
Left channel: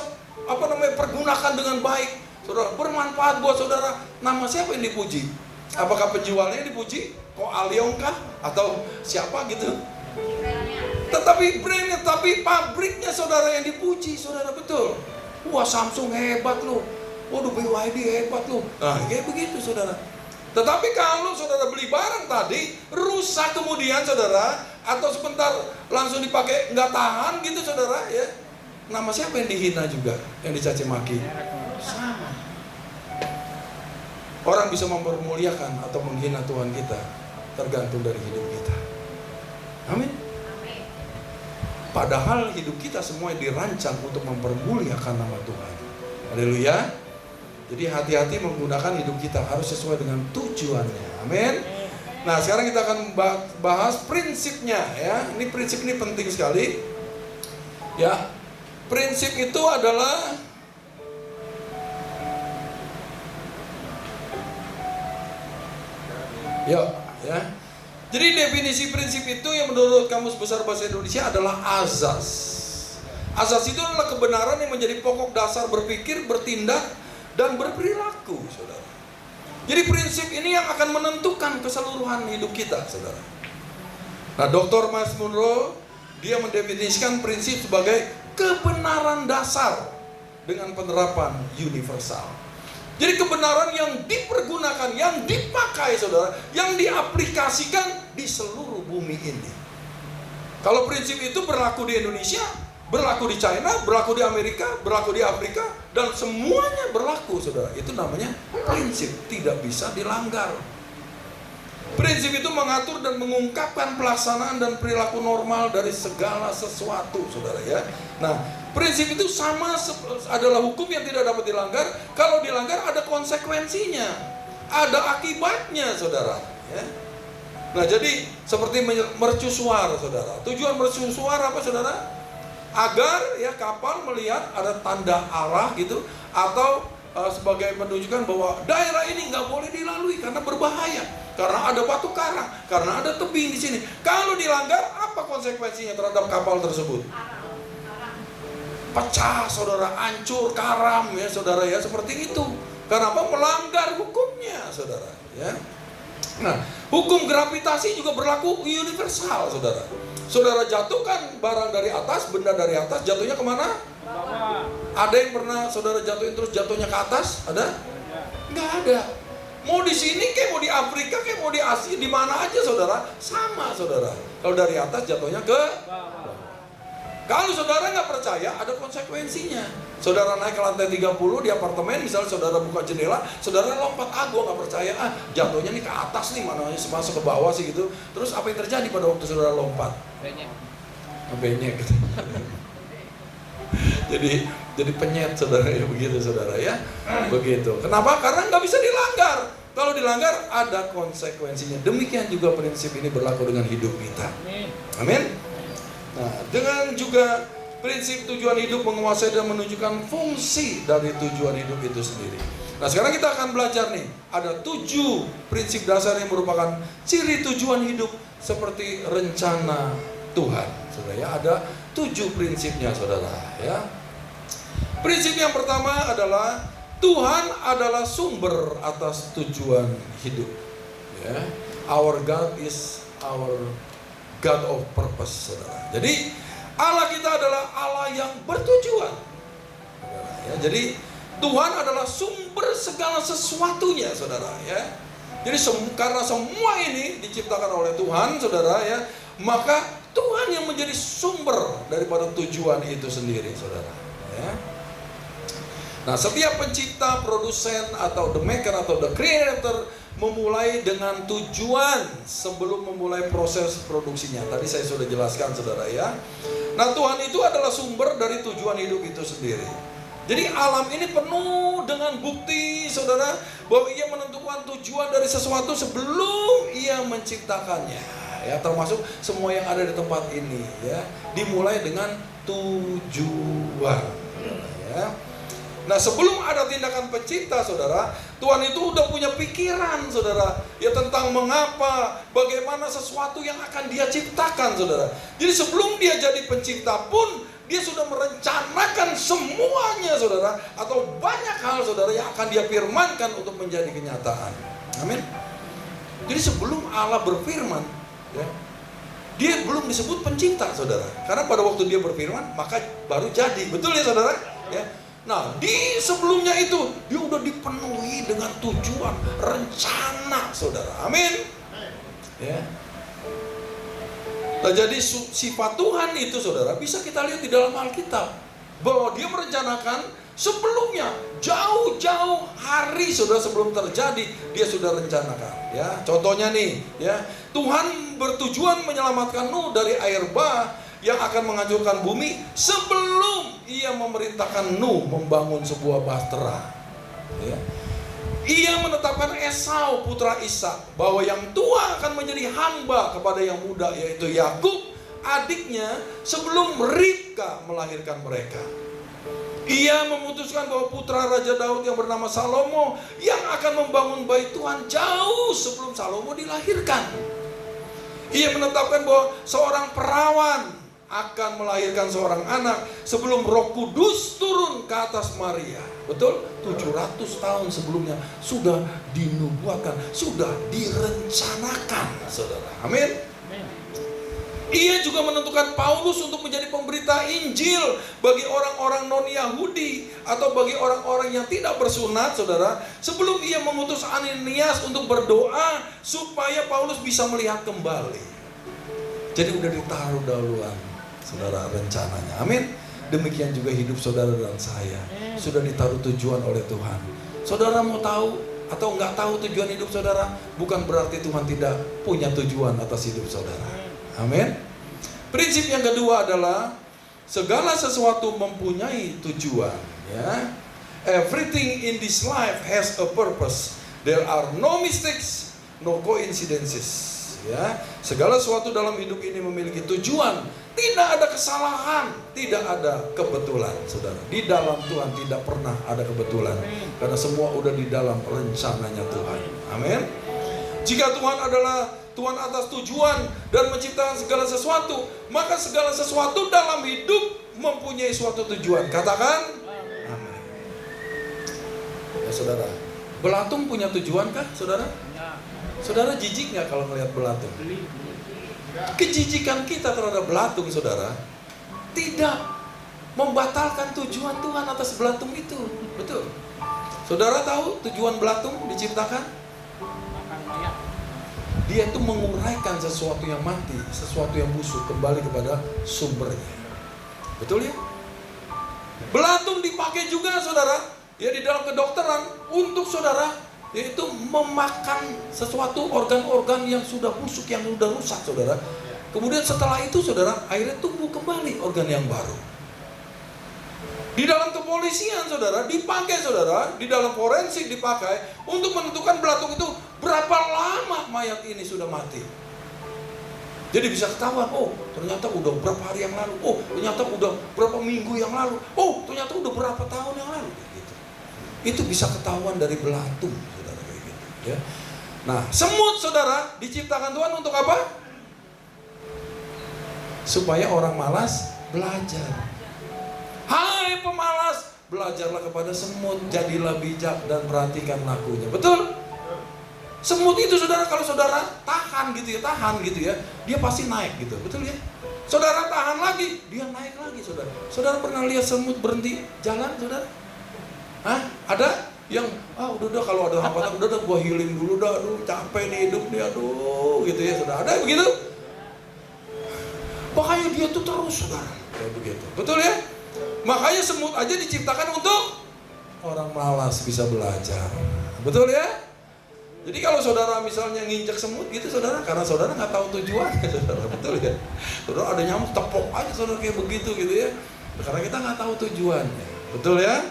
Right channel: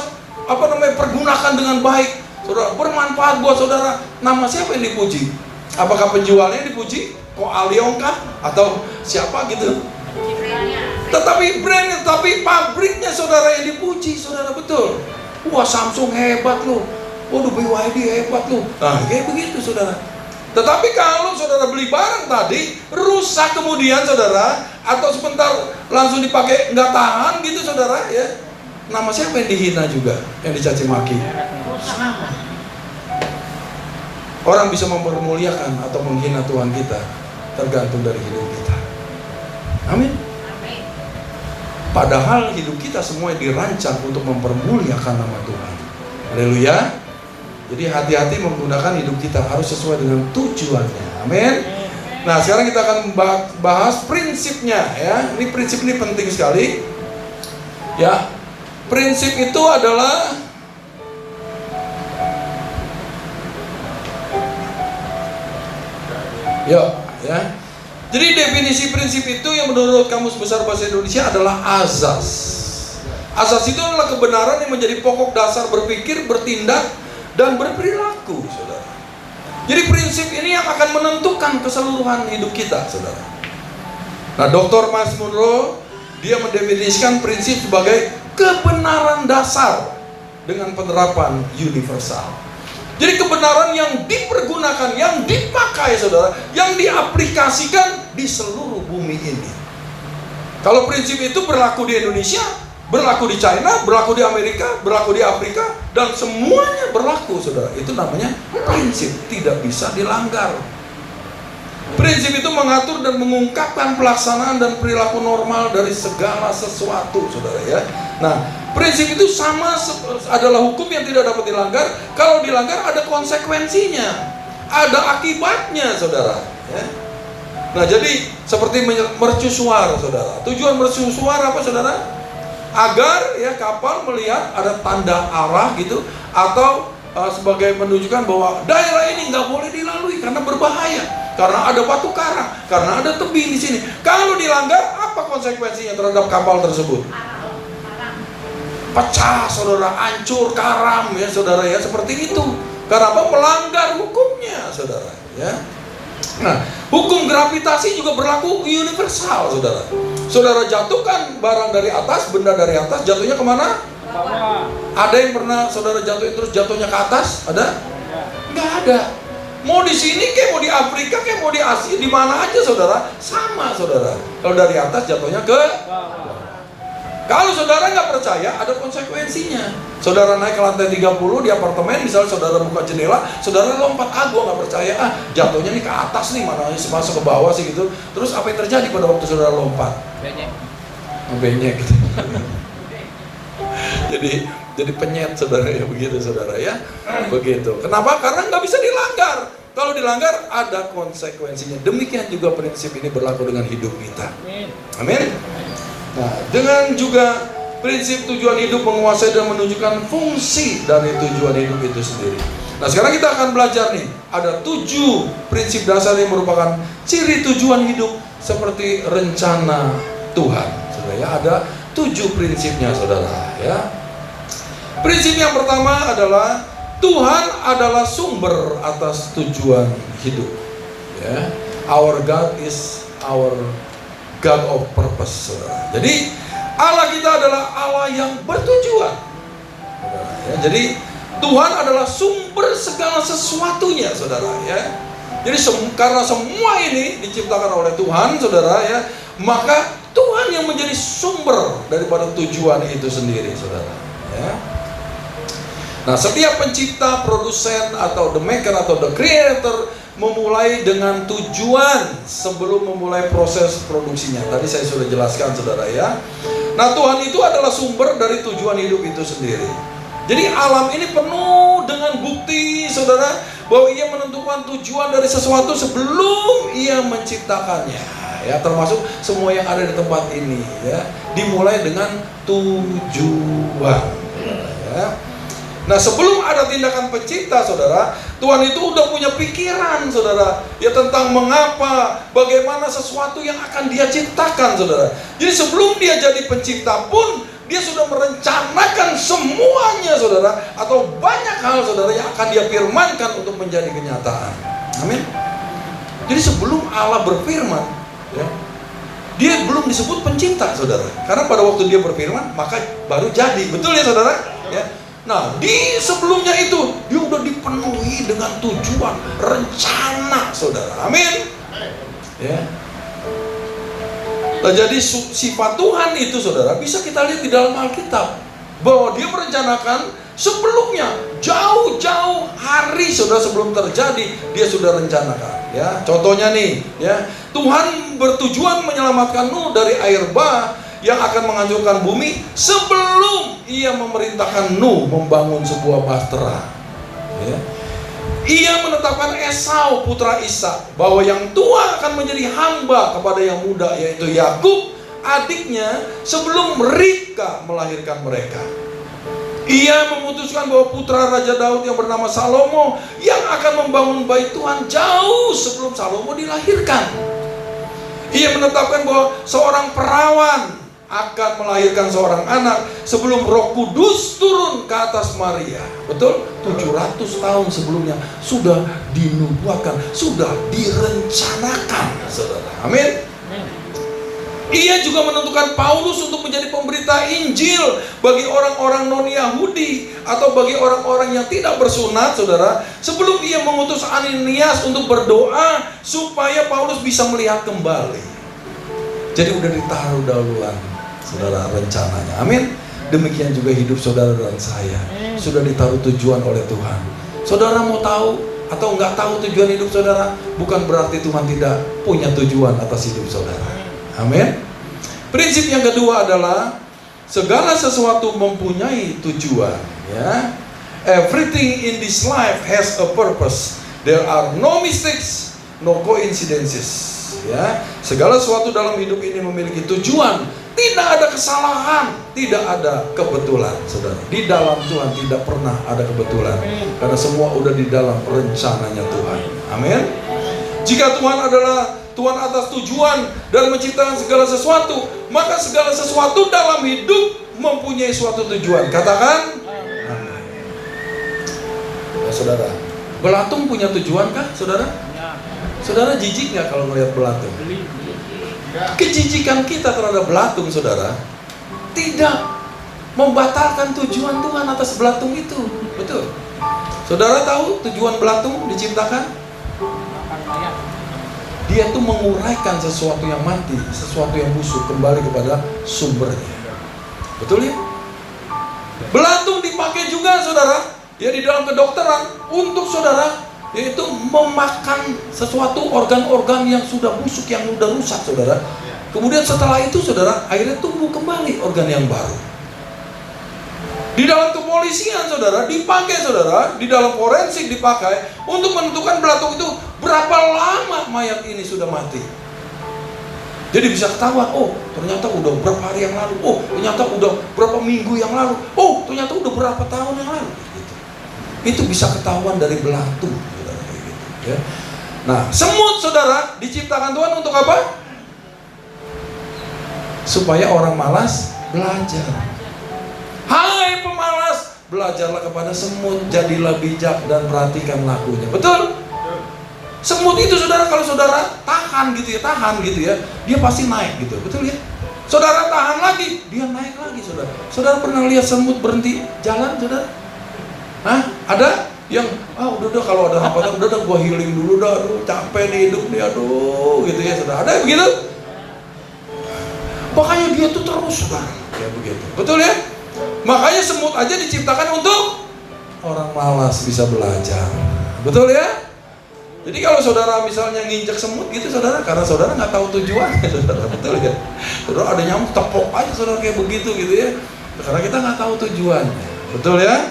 pergunakan dengan baik, saudara, bermanfaat buat saudara. Nama siapa yang dipuji? Apakah penjualnya yang dipuji? Kok Aliong kah? Atau siapa gitu? Tetapi brandnya, tapi pabriknya saudara yang dipuji, saudara, betul. Wah, Samsung hebat loh. Waduh, BYD hebat loh. Nah, kayak begitu saudara. Tetapi kalau saudara beli barang tadi rusak kemudian saudara, atau sebentar langsung dipakai nggak tahan gitu saudara ya, nama siapa yang dihina juga, yang dicaci maki? Sama. Orang bisa mempermuliakan atau menghina Tuhan kita tergantung dari hidup kita. Amin. Padahal hidup kita semua dirancang untuk mempermuliakan nama Tuhan. Haleluya. Jadi hati-hati menggunakan hidup kita, harus sesuai dengan tujuannya. Amin. Nah, sekarang kita akan bahas prinsipnya ya. Ini prinsip ini penting sekali. Ya. Prinsip itu adalah ya. Jadi definisi prinsip itu yang menurut Kamus Besar Bahasa Indonesia adalah azas. Azas itu adalah kebenaran yang menjadi pokok dasar berpikir, bertindak, dan berperilaku, saudara. Jadi prinsip ini yang akan menentukan keseluruhan hidup kita, saudara. Nah, Dr. Myles Munroe, dia mendefinisikan prinsip sebagai kebenaran dasar dengan penerapan universal. Jadi kebenaran yang dipergunakan, yang dipakai, saudara, yang diaplikasikan di seluruh bumi ini. Kalau prinsip itu berlaku di Indonesia, berlaku di China, berlaku di Amerika, berlaku di Afrika, dan semuanya berlaku, saudara. Itu namanya prinsip, tidak bisa dilanggar. Prinsip itu mengatur dan mengungkapkan pelaksanaan dan perilaku normal dari segala sesuatu, saudara ya. Nah, prinsip itu sama adalah hukum yang tidak dapat dilanggar. Kalau dilanggar ada konsekuensinya, ada akibatnya, saudara ya. Nah, jadi seperti mercusuar, saudara. Tujuan mercusuar apa, saudara? Agar ya kapal melihat ada tanda arah gitu, atau sebagai menunjukkan bahwa daerah ini nggak boleh dilalui karena berbahaya, karena ada batu karang, karena ada tebing di sini. Kalau dilanggar, apa konsekuensinya terhadap kapal tersebut? Pecah, saudara, hancur, karam ya, saudara ya, seperti itu. Karena apa? Melanggar hukumnya, saudara ya. Nah, hukum gravitasi juga berlaku universal, saudara. Saudara jatuhkan barang dari atas, benda dari atas, jatuhnya kemana? Bawah. Ada yang pernah saudara jatuhin terus jatuhnya ke atas? Ada? Nggak ada. Mau di sini kayak mau di Afrika kayak mau di Asia, di mana aja, saudara, sama, saudara. Kalau dari atas jatuhnya ke Bawah. Kalau saudara nggak percaya, ada konsekuensinya. Saudara naik ke lantai 30 di apartemen, misalnya saudara buka jendela, saudara lompat, gua nggak percaya, jatuhnya nih ke atas nih, mana masuk ke bawah sih gitu. Terus apa yang terjadi pada waktu saudara lompat? Benyek gitu. jadi penyet, saudara ya, begitu, saudara ya. Begitu. Kenapa? Karena nggak bisa dilanggar. Kalau dilanggar ada konsekuensinya. Demikian juga prinsip ini berlaku dengan hidup kita. Amin. Nah, dengan juga prinsip tujuan hidup menguasai dan menunjukkan fungsi dari tujuan hidup itu sendiri. Nah, sekarang kita akan belajar nih, ada 7 prinsip dasar yang merupakan ciri tujuan hidup seperti rencana Tuhan. Saudara ya, ada 7 prinsipnya, saudara ya. Prinsip yang pertama adalah Tuhan adalah sumber atas tujuan hidup. Ya. Our God is our God of purpose, saudara. Jadi Allah kita adalah Allah yang bertujuan, saudara, ya. Jadi Tuhan adalah sumber segala sesuatunya, saudara ya. Jadi karena semua ini diciptakan oleh Tuhan, saudara ya, maka Tuhan yang menjadi sumber daripada tujuan itu sendiri, saudara ya. Nah, setiap pencipta, produsen, atau the maker atau the creator memulai dengan tujuan sebelum memulai proses produksinya. Tadi saya sudah jelaskan, saudara ya. Nah, Tuhan itu adalah sumber dari tujuan hidup itu sendiri. Jadi alam ini penuh dengan bukti, saudara, bahwa ia menentukan tujuan dari sesuatu sebelum ia menciptakannya. Ya, termasuk semua yang ada di tempat ini. Ya, dimulai dengan tujuan. Ya. Nah, sebelum ada tindakan pencipta, saudara, Tuhan itu udah punya pikiran, saudara, ya tentang mengapa, bagaimana sesuatu yang akan dia ciptakan, saudara. Jadi sebelum dia jadi pencipta pun, dia sudah merencanakan semuanya, saudara, atau banyak hal, saudara, yang akan dia firmankan untuk menjadi kenyataan. Amin. Jadi sebelum Allah berfirman, ya, dia belum disebut pencipta, saudara. Karena pada waktu dia berfirman, maka baru jadi. Betul ya, saudara? Ya. Nah, di sebelumnya itu dia udah dipenuhi dengan tujuan, rencana, saudara. Amin. Ya. Nah, jadi sifat Tuhan itu, saudara, bisa kita lihat di dalam Alkitab, bahwa dia merencanakan sebelumnya, jauh-jauh hari, saudara, sebelum terjadi dia sudah rencanakan. Ya, contohnya nih, ya, Tuhan bertujuan menyelamatkan Nuh dari air bah yang akan menghancurkan bumi sebelum ia memerintahkan Nuh membangun sebuah bahtera. Ya. Ia menetapkan Esau putra Ishak bahwa yang tua akan menjadi hamba kepada yang muda, yaitu Yakub adiknya, sebelum Ribka melahirkan mereka. Ia memutuskan bahwa putra Raja Daud yang bernama Salomo yang akan membangun bait Tuhan jauh sebelum Salomo dilahirkan. Ia menetapkan bahwa seorang perawan akan melahirkan seorang anak sebelum Roh Kudus turun ke atas Maria. Betul? 700 tahun sebelumnya sudah dinubuatkan, sudah direncanakan, saudara. Amin. Ia juga menentukan Paulus untuk menjadi pemberita Injil bagi orang-orang non-Yahudi atau bagi orang-orang yang tidak bersunat, saudara, sebelum ia mengutus Ananias untuk berdoa supaya Paulus bisa melihat kembali. Jadi udah ditaruh dahuluan, saudara, rencananya. Amin. Demikian juga hidup saudara dan saya, sudah ditaruh tujuan oleh Tuhan. Saudara mau tahu atau nggak tahu tujuan hidup saudara, bukan berarti Tuhan tidak punya tujuan atas hidup saudara. Amin. Prinsip yang kedua adalah segala sesuatu mempunyai tujuan. Ya, everything in this life has a purpose. There are no mistakes, no coincidences. Ya, segala sesuatu dalam hidup ini memiliki tujuan. Tidak ada kesalahan, tidak ada kebetulan, saudara. Di dalam Tuhan tidak pernah ada kebetulan, karena semua udah di dalam rencananya Tuhan. Amin. Jika Tuhan adalah Tuhan atas tujuan dan menciptakan segala sesuatu, maka segala sesuatu dalam hidup mempunyai suatu tujuan. Katakan amin. Ya, saudara, belatung punya tujuan kah, saudara? Saudara jijik nggak kalau melihat belatung? Kejijikan kita terhadap belatung, saudara, tidak membatalkan tujuan Tuhan atas belatung itu. Betul. Saudara tahu tujuan belatung diciptakan? Makan mayat. Dia tuh menguraikan sesuatu yang mati, sesuatu yang busuk kembali kepada sumbernya. Betul ya? Belatung dipakai juga, saudara, ya, di dalam kedokteran untuk, saudara, yaitu memakan sesuatu organ-organ yang sudah busuk, yang sudah rusak, saudara. Kemudian setelah itu, saudara, akhirnya tumbuh kembali organ yang baru. Di dalam kepolisian, saudara, dipakai, saudara, di dalam forensik dipakai untuk menentukan belatung itu berapa lama mayat ini sudah mati. Jadi bisa ketahuan, oh ternyata udah berapa hari yang lalu, oh ternyata udah berapa minggu yang lalu, oh ternyata udah berapa tahun yang lalu. Gitu. Itu bisa ketahuan dari belatung. Ya. Nah, semut, saudara, diciptakan Tuhan untuk apa? Supaya orang malas belajar. Hai pemalas, belajarlah kepada semut, jadilah bijak dan perhatikan lakunya. Betul? Semut itu, saudara, kalau saudara tahan gitu ya, dia pasti naik gitu. Betul ya? Saudara tahan lagi, dia naik lagi, saudara. Saudara pernah lihat semut berhenti jalan, saudara? Hah? Ada? Yang udah kalau ada hambatan udah gua healing dulu dah, aduh capek nih hidup nih, aduh gitu ya, saudara. Ada begitu? Makanya dia tuh terus, saudara, kayak begitu. Betul ya? Makanya semut aja diciptakan untuk orang malas bisa belajar. Betul ya? Jadi kalau saudara misalnya nginjek semut gitu, saudara, karena saudara nggak tahu tujuannya, saudara. Betul ya? Saudara ada nyamuk tepok aja, saudara, kayak begitu gitu ya. Karena kita nggak tahu tujuannya. Betul ya?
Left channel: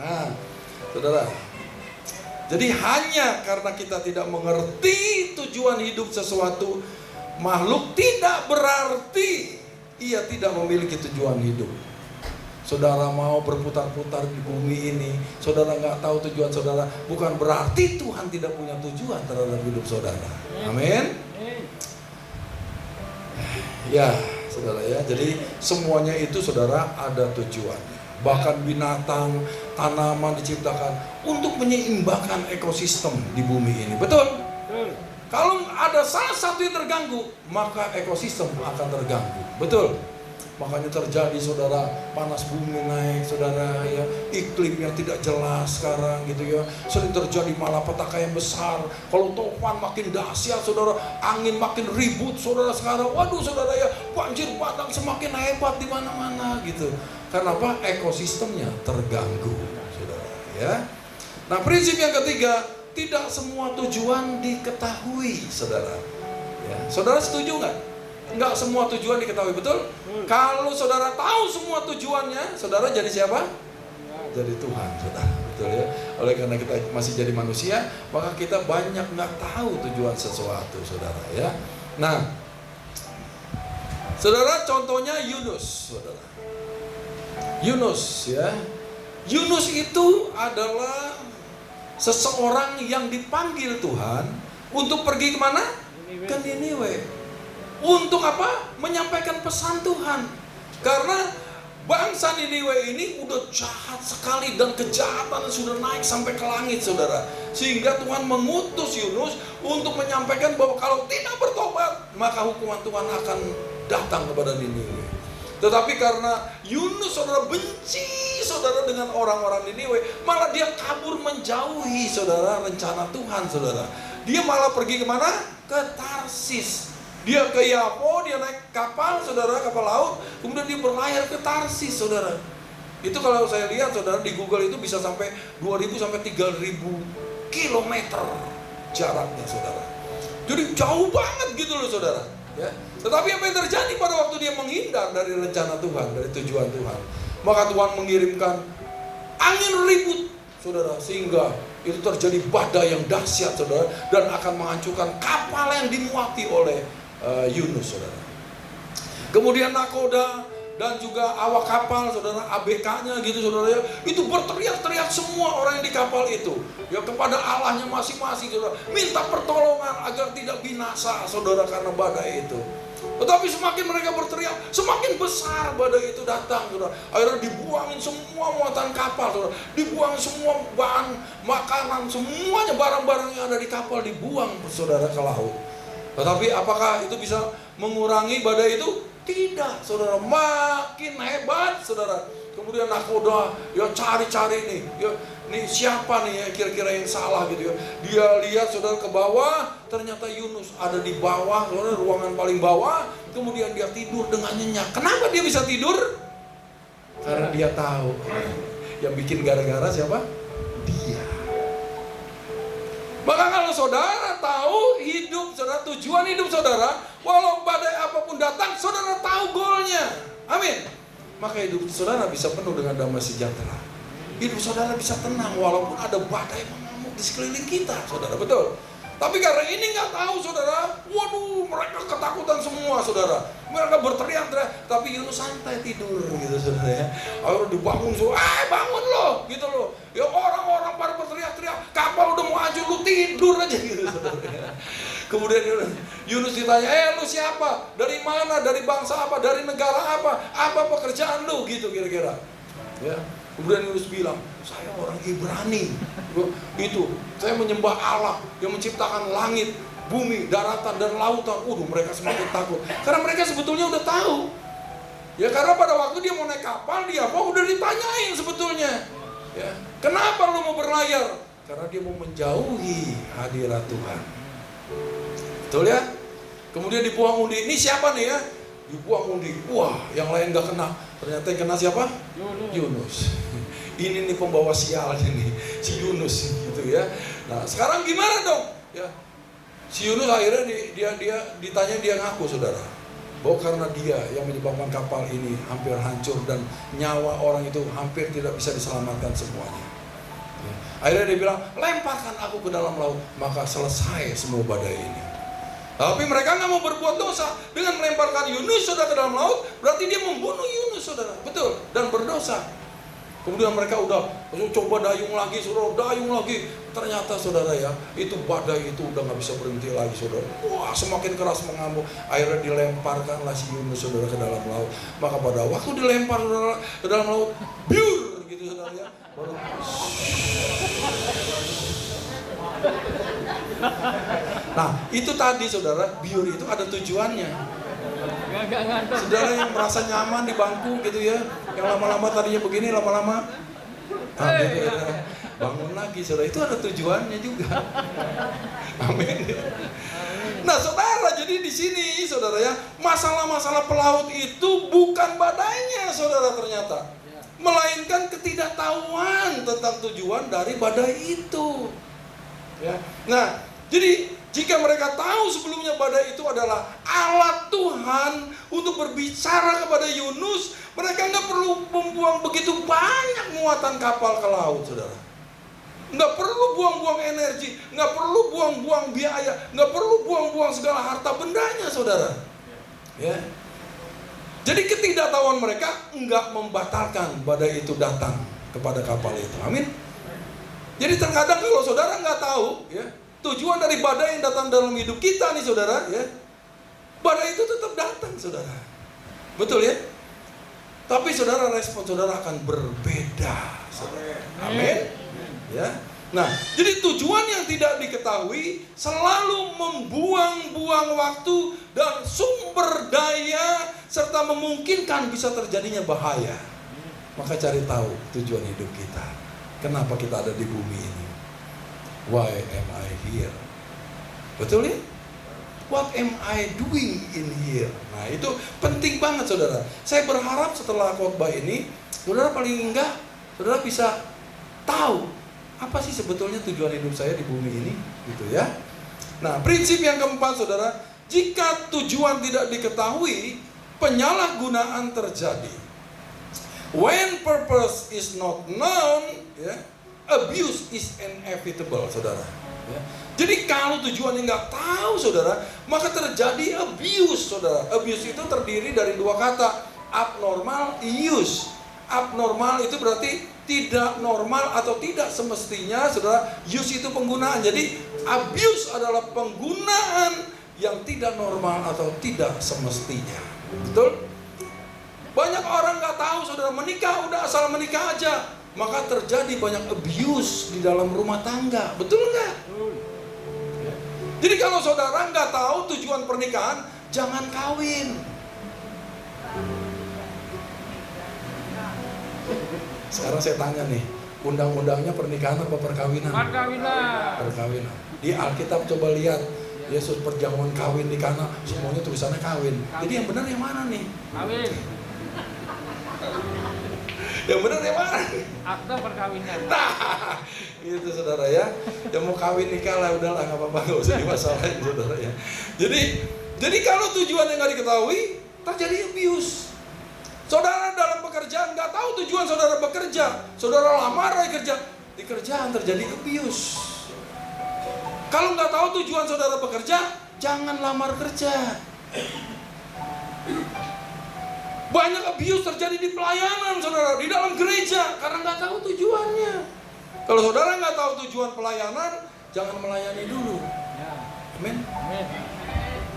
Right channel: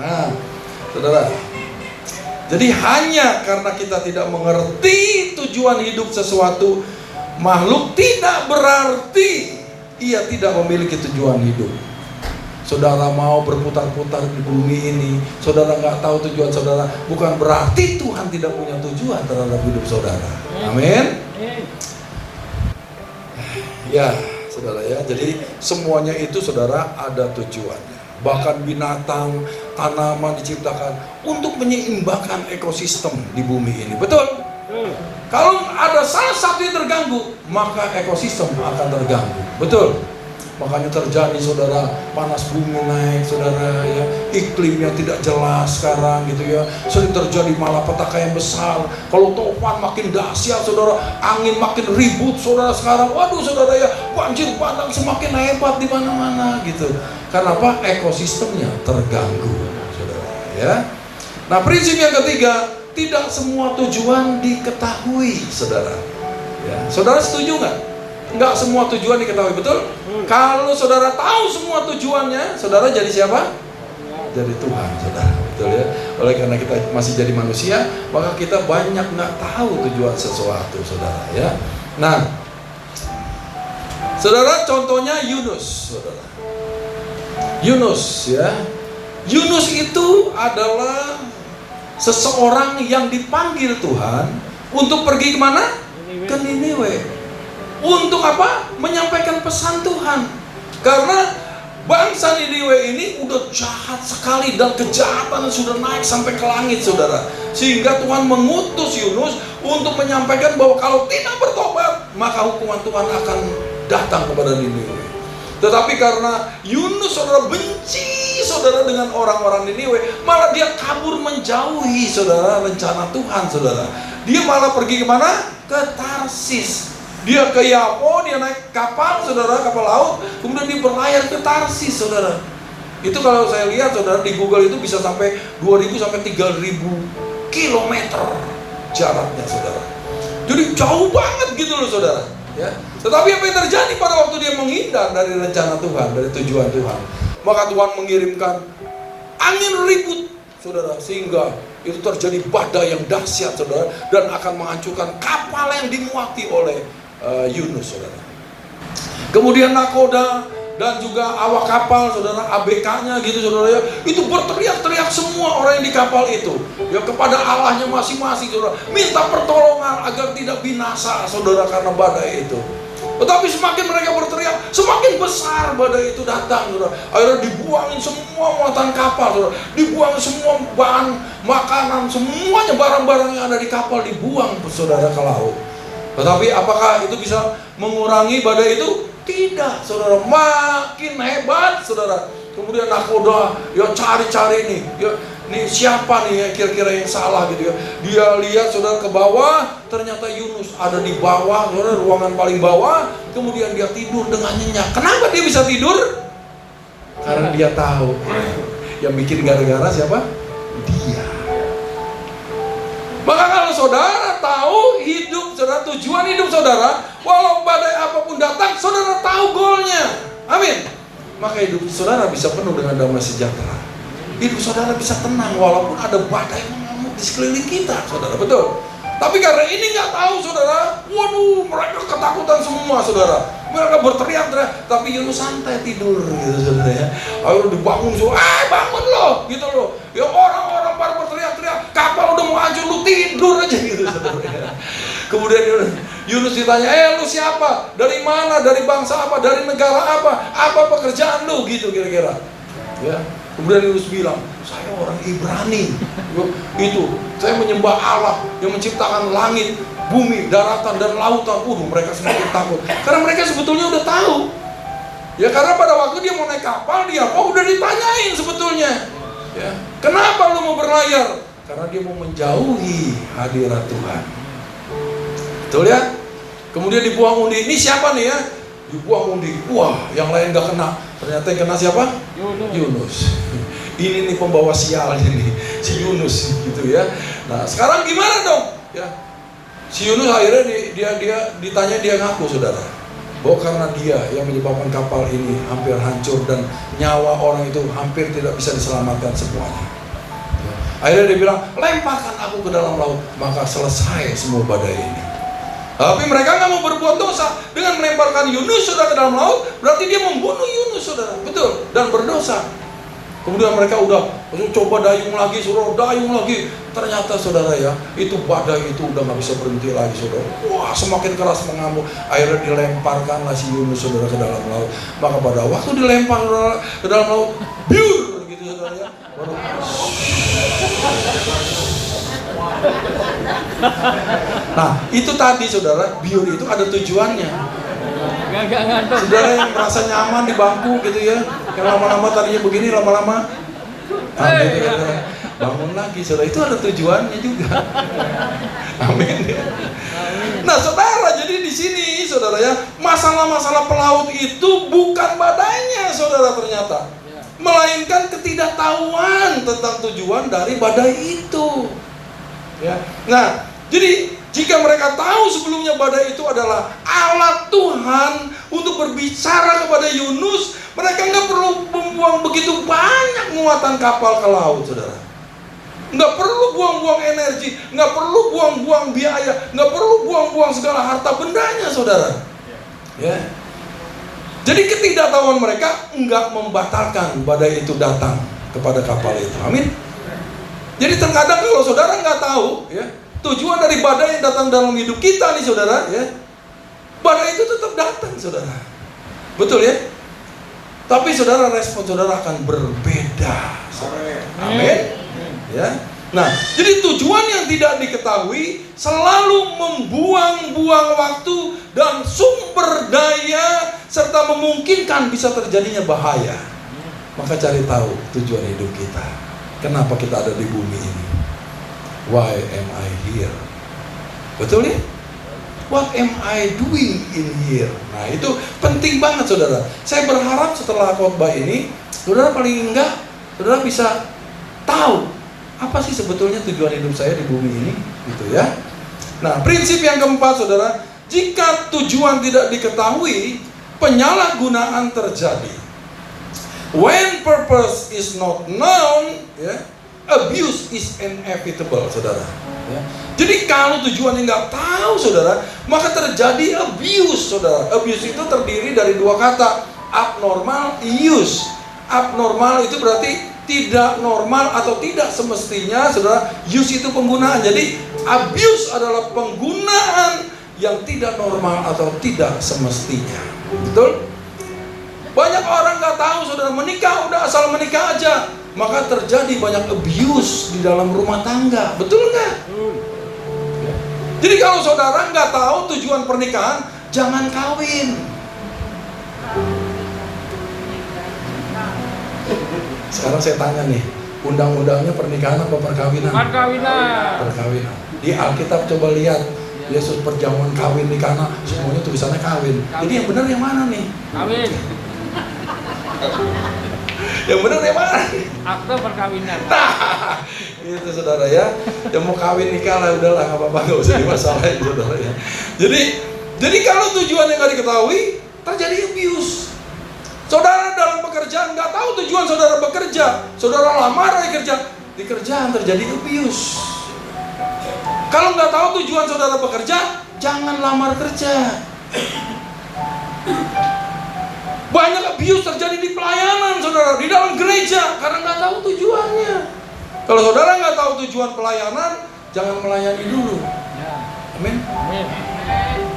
Nah, saudara, jadi hanya karena kita tidak mengerti tujuan hidup sesuatu makhluk, tidak berarti ia tidak memiliki tujuan hidup. Saudara mau berputar-putar di bumi ini, saudara nggak tahu tujuan saudara, bukan berarti Tuhan tidak punya tujuan terhadap hidup saudara. Amin. Ya, saudara ya. Jadi semuanya itu saudara ada tujuannya. Bahkan binatang, tanaman diciptakan untuk menyeimbangkan ekosistem di bumi ini. Betul? Kalau ada salah satu yang terganggu, maka ekosistem akan terganggu. Betul? Makanya terjadi saudara, panas bumi naik saudara ya, iklimnya tidak jelas sekarang gitu ya, sering terjadi malapetaka yang besar. Kalau topan makin dahsyat saudara, angin makin ribut saudara sekarang, waduh saudara ya, banjir bandang semakin hebat di mana-mana gitu. Karena apa? Ekosistemnya terganggu saudara ya. Nah, prinsip yang ketiga, tidak semua tujuan diketahui saudara ya. Saudara setuju nggak? Enggak semua tujuan diketahui, betul? Kalau saudara tahu semua tujuannya, saudara jadi siapa? Jadi Tuhan, saudara. Betul ya? Oleh karena kita masih jadi manusia, maka kita banyak nggak tahu tujuan sesuatu, saudara ya. Nah, saudara, contohnya Yunus, saudara. Yunus ya. Yunus itu adalah seseorang yang dipanggil Tuhan untuk pergi kemana? Ke Niniwe. Untuk apa? Menyampaikan pesan Tuhan. Karena bangsa Niniwe ini udah jahat sekali dan kejahatan sudah naik sampai ke langit saudara. Sehingga Tuhan mengutus Yunus untuk menyampaikan bahwa kalau tidak bertobat, maka hukuman Tuhan akan datang kepada Niniwe. Tetapi karena Yunus saudara benci saudara dengan orang-orang Niniwe, malah dia kabur menjauhi saudara rencana Tuhan saudara. Dia malah pergi kemana? Ke Tarsis. Dia ke Yapo, dia naik kapal saudara, kapal laut, kemudian dia berlayar ke Tarsis saudara. Itu kalau saya lihat saudara di Google itu bisa sampai 2.000 sampai 3.000 kilometer jaraknya saudara. Jadi jauh banget gitu loh saudara ya. Tetapi apa yang terjadi pada waktu dia menghindar dari rencana Tuhan, dari tujuan Tuhan, maka Tuhan mengirimkan angin ribut saudara, sehingga itu terjadi badai yang dahsyat saudara, dan akan menghancurkan kapal yang dimuati oleh Yunus saudara. Kemudian nakoda dan juga awak kapal saudara, ABK-nya gitu saudara ya, itu berteriak-teriak semua orang yang di kapal itu ya kepada Allahnya masing-masing saudara, minta pertolongan agar tidak binasa saudara karena badai itu. Tetapi semakin mereka berteriak, semakin besar badai itu datang saudara. Akhirnya dibuangin semua muatan kapal saudara, dibuang semua bahan makanan, semuanya barang-barang yang ada di kapal dibuang saudara ke laut. Tetapi apakah itu bisa mengurangi badai itu? Tidak, saudara. Makin hebat, saudara. Kemudian nakoda, ya cari-cari nih, ya, nih siapa nih ya kira-kira yang salah gitu ya. Dia lihat saudara ke bawah, ternyata Yunus ada di bawah, saudara, ruangan paling bawah. Kemudian dia tidur dengan nyenyak. Kenapa dia bisa tidur? Karena dia tahu yang bikin gara-gara siapa? Dia. Maka kalau saudara tahu hidup saudara, tujuan hidup saudara, walau badai apapun datang, saudara tahu goalnya. Amin. Maka hidup saudara bisa penuh dengan damai sejahtera. Hidup saudara bisa tenang walaupun ada badai mengamuk di sekeliling kita, saudara. Betul. Tapi karena ini nggak tahu saudara, waduh, mereka ketakutan semua saudara. Mereka berteriak-teriak, tapi Yunus santai tidur gitu saudara ya. Ayo dibangun saudara, bangun loh gitu loh. Ya orang-orang pada berteriak-teriak, kapal udah mau hancur, lu tidur aja gitu saudara ya. Kemudian Yunus ditanya, lu siapa? Dari mana? Dari bangsa apa? Dari negara apa? Apa pekerjaan lu? Gitu kira-kira ya. Kemudian Yunus bilang, saya orang Ibrani. Itu, saya menyembah Allah yang menciptakan langit, bumi, daratan, dan lautan. Mereka semakin takut. Karena mereka sebetulnya udah tahu. Ya karena pada waktu dia mau naik kapal, dia udah ditanyain sebetulnya. Ya, kenapa lu mau berlayar? Karena dia mau menjauhi hadirat Tuhan. Betul ya? Kemudian dibuang undi. Ini siapa nih ya? Dibuang undi. Wah, yang lain gak kena. Ternyata yang kena siapa? Yunus. Ini nih pembawa sialnya nih, si Yunus gitu ya. Nah sekarang gimana dong? Ya, si Yunus akhirnya dia ditanya, dia ngaku saudara. bahwa karena dia yang menyebabkan kapal ini hampir hancur dan nyawa orang itu hampir tidak bisa diselamatkan semuanya. Ya. Akhirnya dia bilang, lemparkan aku ke dalam laut, maka selesai semua badai ini. Tapi mereka nggak mau berbuat dosa. Dengan melemparkan Yunus saudara ke dalam laut, berarti dia membunuh Yunus saudara, betul, dan berdosa. Kemudian mereka udah coba dayung lagi, saudara, dayung lagi. Ternyata saudara ya, itu badai itu udah nggak bisa berhenti lagi saudara. Wah, semakin keras mengamuk. Akhirnya dilemparkanlah si Yunus saudara ke dalam laut. Maka pada waktu dilempar saudara ke dalam laut, biur gitu saudara ya. Nah, itu tadi saudara, biur itu ada tujuannya. Gak ngantuk. Saudara yang merasa nyaman di bangku gitu ya, yang lama-lama tadinya begini, lama-lama bangun lagi, saudara. Itu ada tujuannya juga. Amin. Nah, saudara, jadi di sini, saudara ya, masalah-masalah pelaut itu bukan badainya, saudara ternyata, melainkan ketidaktahuan tentang tujuan dari badai itu. Ya. Nah, jadi jika mereka tahu sebelumnya badai itu adalah alat Tuhan untuk berbicara kepada Yunus, mereka nggak perlu membuang begitu banyak muatan kapal ke laut, saudara. Nggak perlu buang-buang energi, nggak perlu buang-buang biaya, nggak perlu buang-buang segala harta bendanya, saudara. Ya. Jadi ketidaktahuan mereka nggak membatalkan badai itu datang kepada kapal itu. Amin. Jadi terkadang kalau saudara nggak tahu, ya, tujuan dari badai yang datang dalam hidup kita nih saudara, ya, badai itu tetap datang saudara, betul ya? Tapi saudara, respon saudara akan berbeda. Amin. Ya. Nah, jadi tujuan yang tidak diketahui selalu membuang-buang waktu dan sumber daya serta memungkinkan bisa terjadinya bahaya. Maka cari tahu tujuan hidup kita. Kenapa kita ada di bumi ini? Why am I here? Betul ya? What am I doing in here? Nah, itu penting banget saudara. Saya berharap setelah khotbah ini, saudara paling enggak, saudara bisa tahu apa sih sebetulnya tujuan hidup saya di bumi ini, gitu ya. Nah, prinsip yang keempat saudara, jika tujuan tidak diketahui, penyalahgunaan terjadi. When purpose is not known, ya, abuse is inevitable, saudara. Ya. Jadi kalau tujuannya nggak tahu, saudara, maka terjadi abuse, saudara. Abuse itu terdiri dari dua kata, abnormal, use. Abnormal itu berarti tidak normal atau tidak semestinya, saudara. Use itu penggunaan. Jadi abuse adalah penggunaan yang tidak normal atau tidak semestinya. Betul? Banyak orang nggak tahu, saudara, menikah udah asal menikah aja, maka terjadi banyak abuse di dalam rumah tangga, betul nggak? Jadi kalau saudara nggak tahu tujuan pernikahan, jangan kawin. Sekarang saya tanya nih, undang-undangnya pernikahan apa perkawinan? Perkawinan. Perkawinan. Di Alkitab coba lihat, Yesus perjamuan kawin di Kana, semuanya tulisannya kawin. Jadi yang benar yang mana nih? Kawin. Yang benar yang mana? Akte perkawinan. Nah, itu saudara ya. Yang mau kawin nikah lah, udahlah nggak apa-apa, nggak usah dimasalahin saudara ya. Jadi kalau tujuannya nggak diketahui, terjadi abuse. Saudara dalam pekerjaan nggak tahu tujuan saudara bekerja, saudara lamar lagi kerja, di kerjaan terjadi abuse. Kalau nggak tahu tujuan saudara bekerja, jangan lamar kerja. Banyak abuse terjadi di pelayanan, saudara, di dalam gereja, karena nggak tahu tujuannya. Kalau saudara nggak tahu tujuan pelayanan, jangan melayani dulu. Amin. Amin.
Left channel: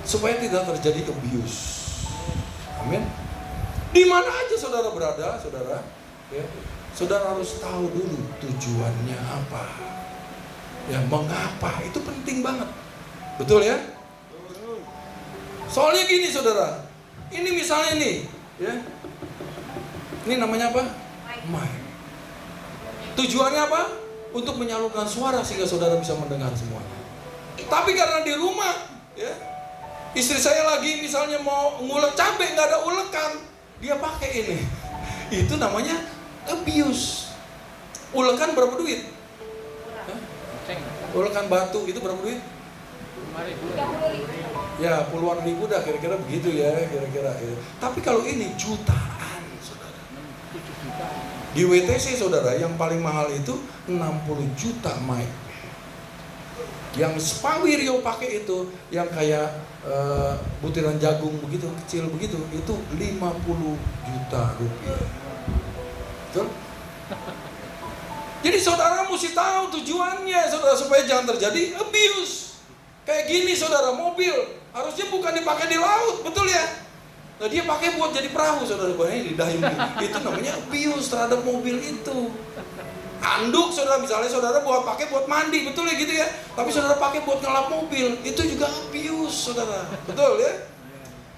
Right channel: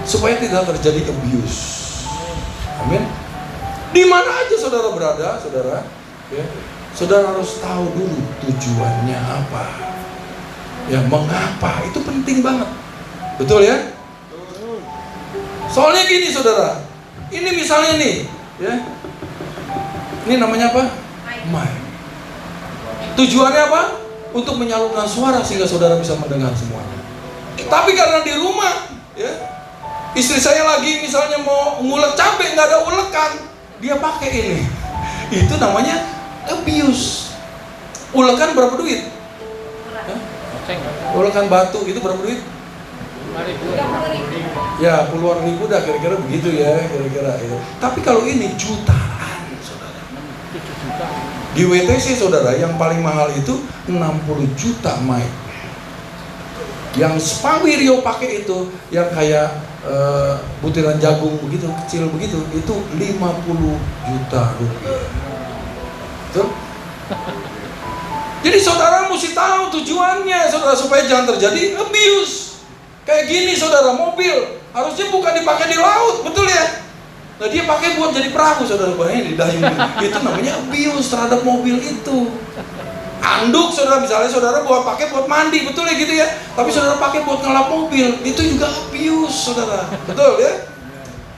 Supaya tidak terjadi abuse. Amin. Di mana aja saudara berada, saudara, ya, saudara harus tahu dulu tujuannya apa. Ya, mengapa? Itu penting banget. Betul ya? Soalnya gini, saudara. Ini misalnya nih, ya. Ini namanya apa? Mic. Tujuannya apa? Untuk menyalurkan suara sehingga saudara bisa mendengar semuanya. Tapi karena di rumah, ya, istri saya lagi misalnya mau ngulek cabai, nggak ada ulekan, dia pakai ini. Itu namanya abuse. Ulekan berapa duit? Ya? Ulekan batu itu berapa duit? Ya puluhan ribu dah kira-kira begitu ya, kira-kira ya. Tapi kalau ini jutaan, saudara. Di WTC saudara yang paling mahal itu 60 juta mic. Yang Spawirio pakai itu yang kayak butiran jagung begitu, kecil begitu, itu 50 juta rupiah. Betul? Jadi saudara mesti tahu tujuannya, saudara, supaya jangan terjadi abuse. Kayak gini saudara, mobil harusnya bukan dipakai di laut, betul ya? Nah dia pakai buat jadi perahu, saudara, bayangin di dayung. Itu namanya abuse terhadap mobil itu. Anduk saudara, misalnya saudara pakai buat mandi, betul ya gitu ya? Tapi saudara pakai buat ngelap mobil, itu juga abuse saudara, betul ya?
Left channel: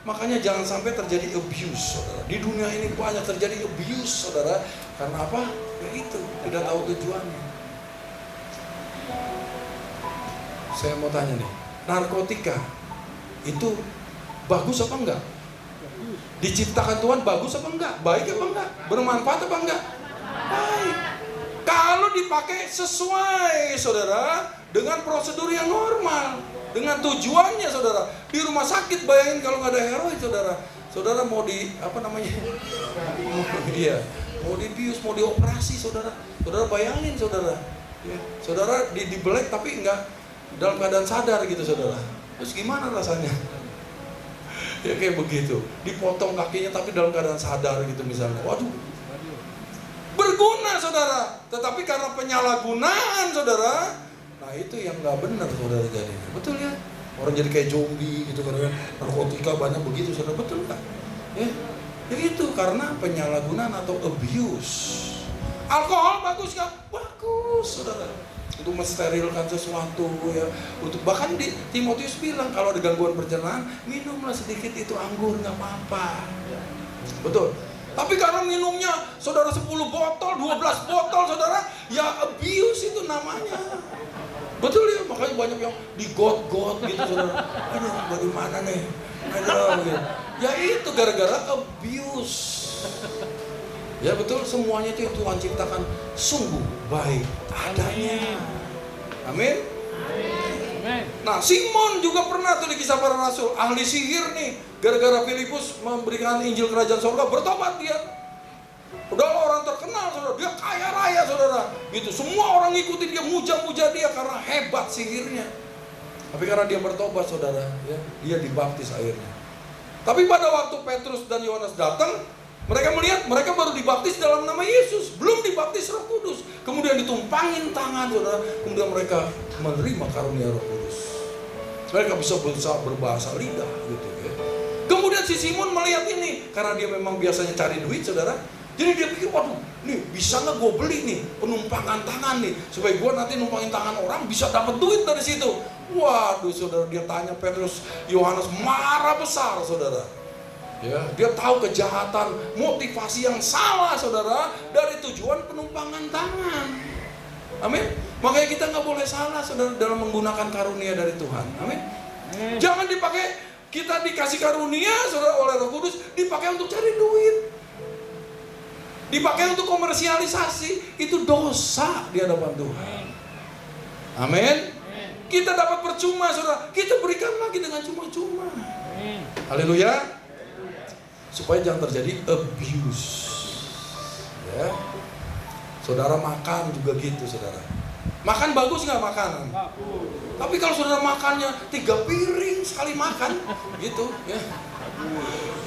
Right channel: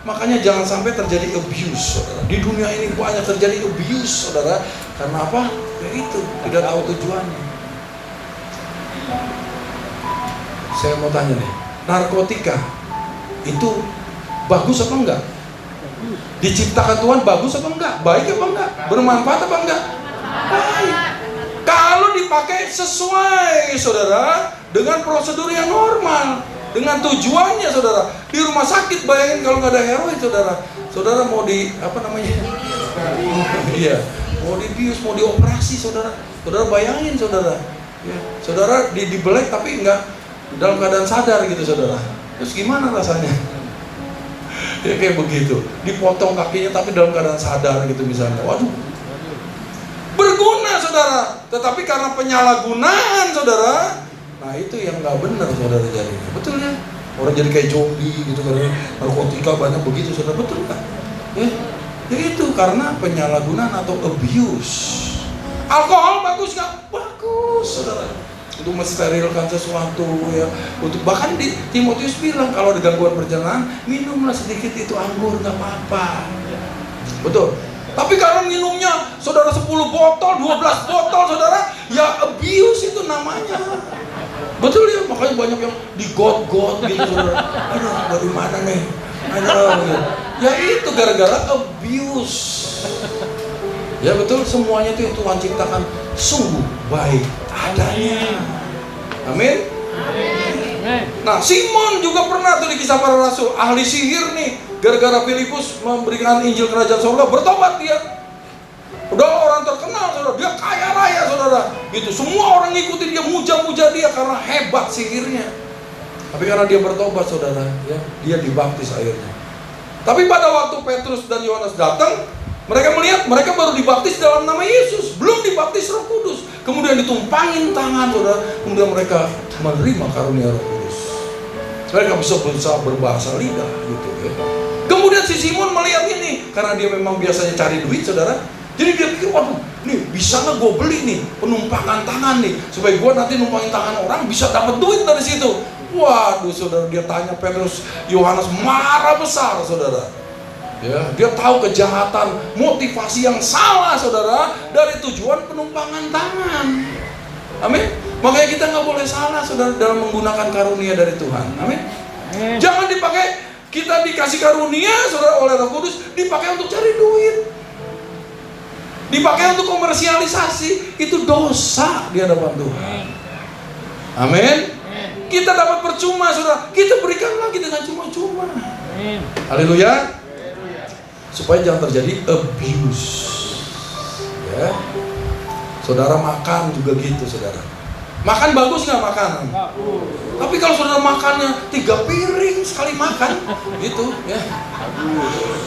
Makanya jangan sampai terjadi abuse saudara. Di dunia ini banyak terjadi abuse saudara. Karena apa? Ya itu, tidak tahu tujuannya. Saya mau tanya nih, narkotika itu bagus apa enggak? Diciptakan Tuhan bagus apa enggak? Baik apa enggak? Bermanfaat apa enggak? Baik. Kalau dipakai sesuai saudara dengan prosedur yang normal, dengan tujuannya saudara. Di rumah sakit bayangin kalau nggak ada heroin saudara mau di apa namanya? Iya, mau dibius, mau dioperasi saudara bayangin saudara. Ya, saudara dibelek tapi nggak dalam keadaan sadar gitu saudara. Terus gimana rasanya? Ya kayak begitu. Dipotong kakinya tapi dalam keadaan sadar gitu misalnya. Waduh. Berguna saudara, tetapi karena penyalahgunaan saudara, nah itu yang nggak benar saudara jadi. Betul ya? Orang jadi kayak zombie gitu karena narkotika banyak begitu saudara, betul nggak? Ya itu karena penyalahgunaan atau abuse. Alkohol bagus nggak? Bagus saudara. Untuk mensterilkan sesuatu ya. Untuk bahkan di Timotius bilang kalau ada gangguan perjalanan, minumlah sedikit itu anggur nggak apa-apa. Betul. Tapi kalau minumnya saudara 10 botol, 12 botol saudara, ya abuse itu namanya. Betul ya, makanya banyak yang digot-got gitu saudara. Aduh, dari mana nih? Aduh, gitu. Ya itu gara-gara abuse. Ya betul, semuanya itu yang Tuhan ciptakan sungguh baik adanya. Amin. Nah, Simon juga pernah tuh di Kisah Para Rasul, ahli sihir nih. Gara-gara Filipus memberikan Injil Kerajaan Sorga, bertobat dia. Udah orang terkenal saudara, dia kaya raya saudara. Gitu, semua orang ngikutin dia, muja-muja dia karena hebat sihirnya. Tapi karena dia bertobat saudara, ya, dia dibaptis akhirnya. Tapi pada waktu Petrus dan Yohanes datang, mereka melihat mereka baru dibaptis dalam nama Yesus, belum dibaptis Roh Kudus. Kemudian ditumpangin tangan saudara, kemudian mereka menerima karunia Roh Kudus. Mereka bisa berbahasa lidah gitu ya. Kemudian si Simon melihat ini, karena dia memang biasanya cari duit saudara. Jadi dia pikir, waduh, nih bisa nggak gue beli nih penumpangan tangan nih, supaya gue nanti numpangin tangan orang bisa dapat duit dari situ. Waduh saudara, dia tanya Petrus, Yohanes marah besar saudara. Ya, dia tahu kejahatan, motivasi yang salah saudara dari tujuan penumpangan tangan. Amin. Makanya kita nggak boleh salah saudara dalam menggunakan karunia dari Tuhan. Amin. Jangan dipakai, kita dikasih karunia saudara oleh Roh Kudus dipakai untuk cari duit, dipakai untuk komersialisasi, itu dosa di hadapan Tuhan. Amin. Kita dapat percuma saudara, kita berikan lagi dengan cuma-cuma. Haleluya. Supaya jangan terjadi abuse. Ya. Saudara makan juga gitu saudara. Makan bagus nggak makanan? Tapi kalau saudara makannya 3 piring sekali makan, gitu ya.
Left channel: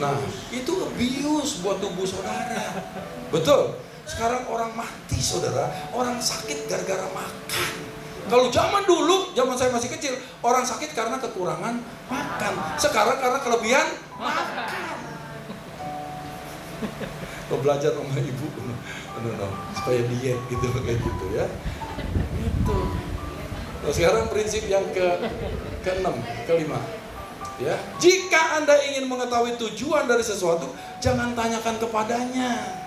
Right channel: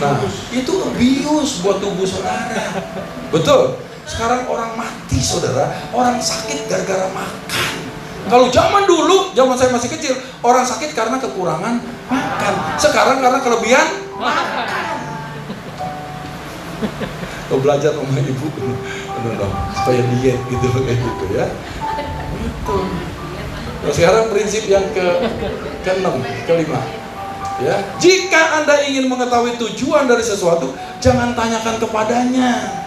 Nah, itu abuse buat tubuh saudara. Betul. Sekarang orang mati saudara, orang sakit gara-gara makan. Kalau zaman dulu, zaman saya masih kecil, orang sakit karena kekurangan makan. Sekarang karena kelebihan makan. Lo belajar sama ibu, supaya diet gitu kayak gitu ya. Itu. Nah, sekarang prinsip yang kelima, ya. Jika Anda ingin mengetahui tujuan dari sesuatu, jangan tanyakan kepadanya.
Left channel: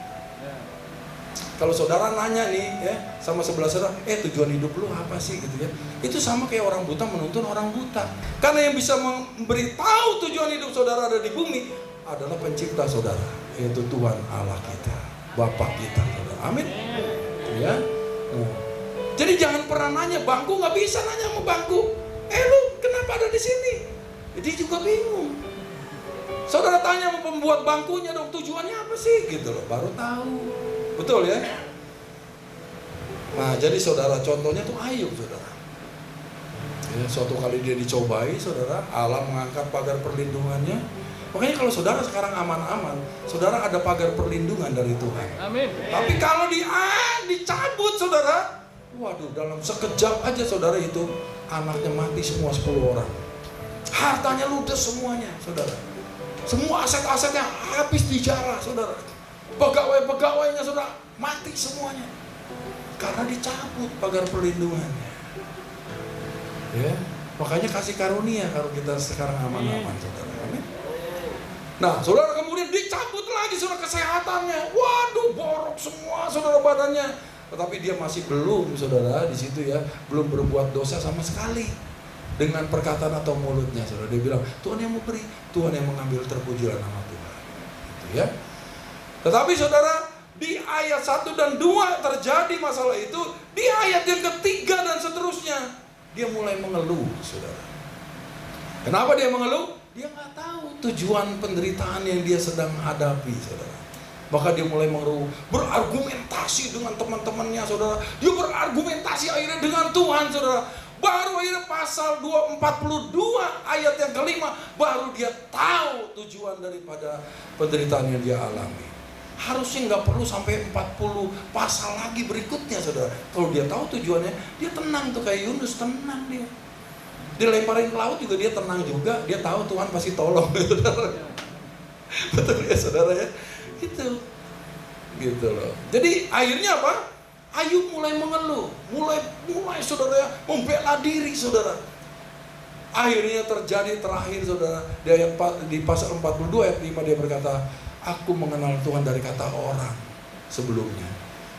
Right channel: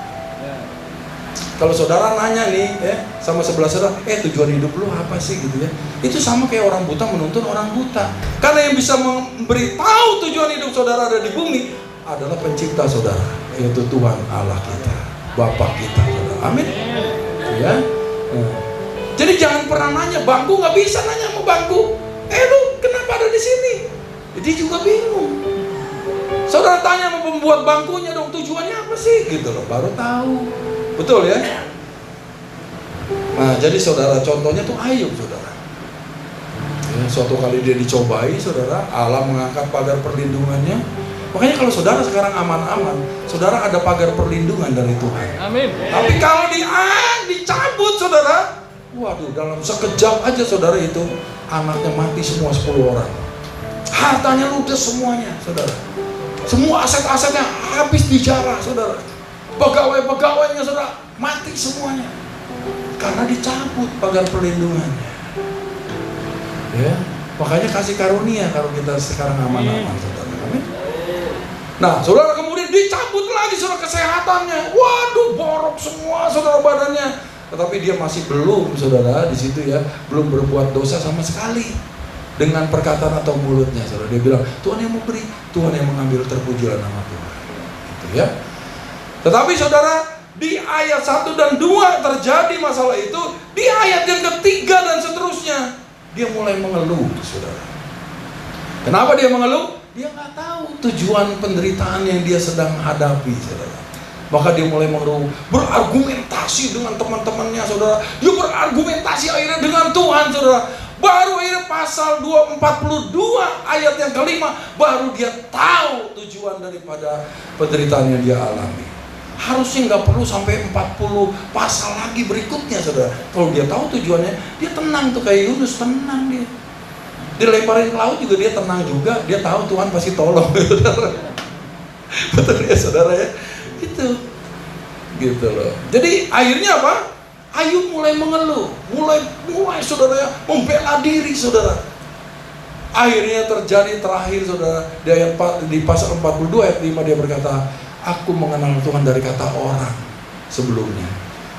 Kalau saudara nanya nih, ya, sama sebelah saudara, tujuan hidup lu apa sih gitu ya? Itu sama kayak orang buta menuntun orang buta. Karena yang bisa memberitahu tujuan hidup saudara ada di bumi adalah pencipta saudara, yaitu Tuhan Allah kita, Bapa kita saudara. Amin. Ya. Jadi jangan pernah nanya, bangku nggak bisa nanya sama bangku. Lu kenapa ada di sini. Jadi juga bingung. Saudara tanya sama pembuat bangkunya dong, tujuannya apa sih? Gitu loh, baru tahu. Betul ya? Nah, jadi saudara, contohnya tuh Ayub, saudara. Ya, suatu kali dia dicobai, saudara, Allah mengangkat pagar perlindungannya. Makanya kalau saudara sekarang aman-aman, saudara ada pagar perlindungan dari Tuhan. Amin. Tapi kalau dicabut, saudara, waduh, dalam sekejap aja saudara itu anaknya mati semua 10 orang. Hartanya ludes semuanya, saudara. Semua aset-asetnya habis dijarah, saudara. Pegawai-pegawainya, saudara, mati semuanya. Karena dicabut pagar perlindungannya. Ya, makanya kasih karunia kalau kita sekarang aman-aman, saudara. Amin. Nah, saudara, kemudian dicabut lagi saudara kesehatannya. Waduh, borok semua saudara badannya. Tetapi dia masih belum, saudara, di situ ya, belum berbuat dosa sama sekali. Dengan perkataan atau mulutnya, saudara, dia bilang, Tuhan yang memberi, Tuhan yang mengambil, terpujilah nama Tuhan. Gitu ya. Tetapi saudara, di ayat 1 dan 2 terjadi masalah itu. Di ayat yang ketiga dan seterusnya, dia mulai mengeluh, saudara. Kenapa dia mengeluh? Dia nggak tahu tujuan penderitaan yang dia sedang hadapi, saudara. Maka dia mulai mengeluh, berargumentasi dengan teman-temannya, saudara. Dia berargumentasi akhirnya dengan Tuhan, saudara. Baru akhirnya pasal 242 ayat yang kelima, baru dia tahu tujuan daripada penderitaan yang dia alami. Harusnya nggak perlu sampai 40 pasal lagi berikutnya, saudara. Kalau dia tahu tujuannya, dia tenang tuh, kayak Yunus, tenang dia. Dilemparin ke laut juga dia tenang juga, dia tahu Tuhan pasti tolong. Betul ya, saudara ya? Gitu loh. Jadi akhirnya apa? Ayub mulai mengeluh, mulai saudara ya, membela diri, saudara. Akhirnya terjadi terakhir, saudara, di pasal 42 ayat 5 dia berkata, aku mengenal Tuhan dari kata orang sebelumnya,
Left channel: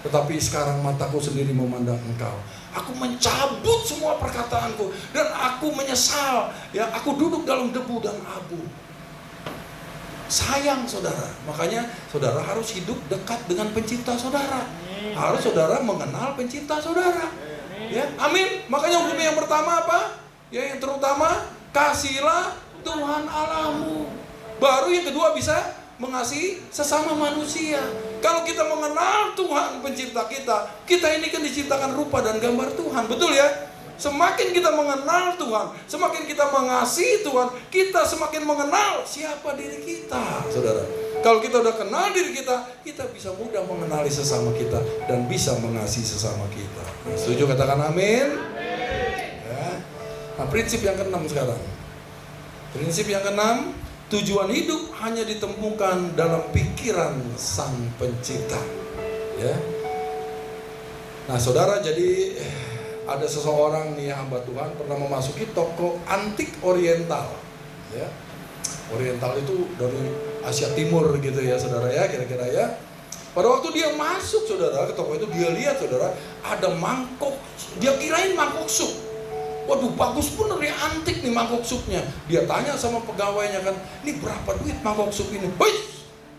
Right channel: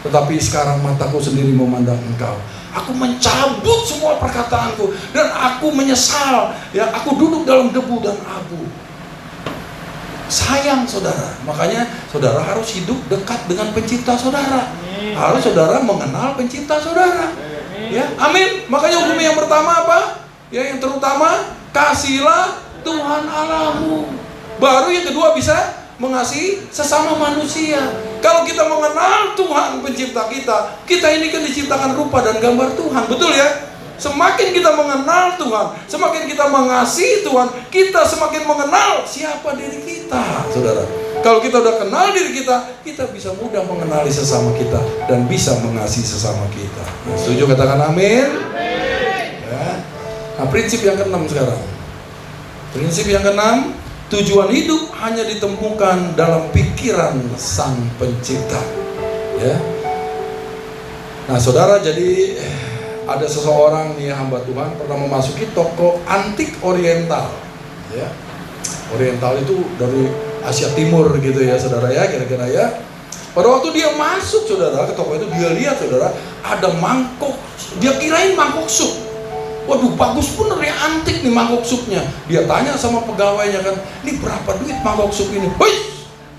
tetapi sekarang mataku sendiri memandang Engkau. Aku mencabut semua perkataanku dan aku menyesal. Ya, aku duduk dalam debu dan abu. Sayang, saudara. Makanya saudara harus hidup dekat dengan pencipta saudara. Harus saudara mengenal pencipta saudara. Ya, amin. Makanya hukum yang pertama apa? Ya, yang terutama, kasihilah Tuhan Allahmu. Baru yang kedua bisa mengasihi sesama manusia. Kalau kita mengenal Tuhan pencipta kita, kita ini kan diciptakan rupa dan gambar Tuhan, betul ya? Semakin kita mengenal Tuhan, semakin kita mengasihi Tuhan, kita semakin mengenal siapa diri kita, saudara. Kalau kita udah kenal diri kita, kita bisa mudah mengenali sesama kita dan bisa mengasihi sesama kita. Setuju, katakan amin. Ya. Nah, prinsip yang keenam sekarang. Prinsip yang keenam, tujuan hidup hanya ditemukan dalam pikiran Sang Pencipta. Ya. Nah, saudara, jadi ada seseorang nih hamba Tuhan pernah memasuki toko antik Oriental. Ya. Oriental itu dari Asia Timur gitu ya, saudara ya, kira-kira ya. Pada waktu dia masuk, saudara, ke toko itu, dia lihat, saudara, ada mangkok. Dia kirain mangkok sup. Waduh, bagus bener ya, antik nih mangkok supnya. Dia tanya sama pegawainya kan, ini berapa duit mangkok sup ini? Hei,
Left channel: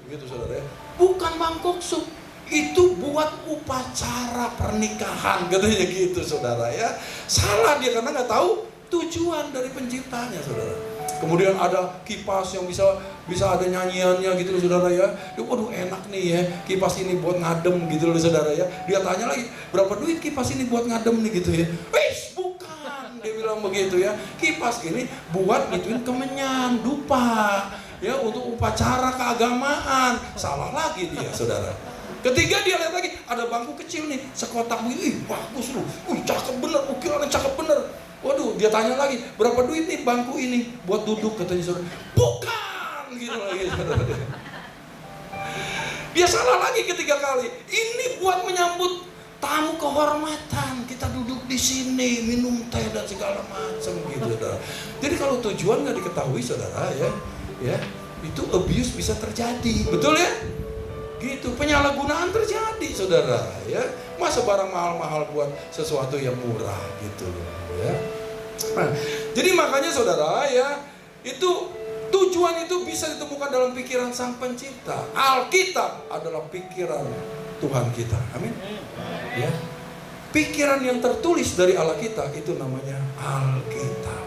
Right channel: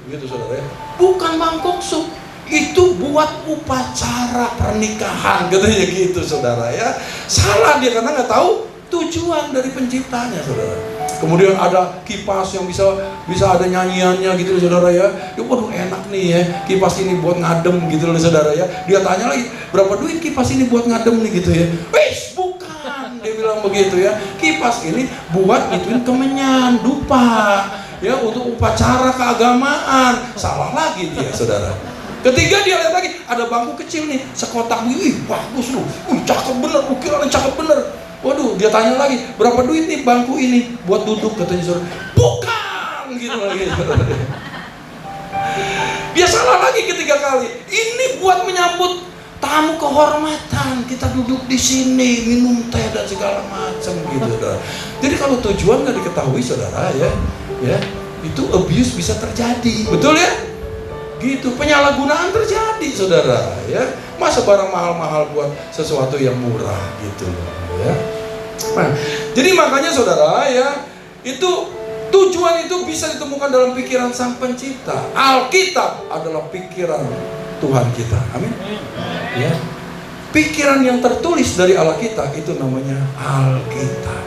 begitu saudara ya. Bukan mangkok sup, itu buat upacara pernikahan, katanya gitu, saudara ya. Salah dia karena nggak tahu tujuan dari penciptanya, saudara. Kemudian ada kipas yang bisa ada nyanyiannya gitu, saudara ya. Waduh, enak nih ya, kipas ini buat ngadem gitu, saudara ya. Dia tanya lagi, berapa duit kipas ini buat ngadem nih gitu ya. Wis, bukan, dia bilang begitu ya. Kipas ini buat ituin kemenyan, dupa, ya, untuk upacara keagamaan. Salah lagi dia, saudara. Ketiga dia lihat lagi, ada bangku kecil nih, sekotak nih, bagus loh, cakep bener, ukirannya cakep bener. Waduh, dia tanya lagi, berapa duit nih bangku ini buat duduk, katanya saudara. Bukan, gitu lagi. Dia salah lagi ketiga kali. Ini buat menyambut tamu kehormatan, kita duduk di sini minum teh dan segala macam gitu, saudara. Jadi kalau tujuan nggak diketahui, saudara ya, itu abuse bisa terjadi, betul ya? Gitu, penyalahgunaan terjadi, saudara ya. Masa barang mahal-mahal buat sesuatu yang murah gitu ya. Nah, jadi makanya saudara ya, itu tujuan itu bisa ditemukan dalam pikiran Sang Pencipta. Alkitab adalah pikiran Tuhan kita. Amin. Ya. Pikiran yang tertulis dari Allah kita itu namanya Alkitab.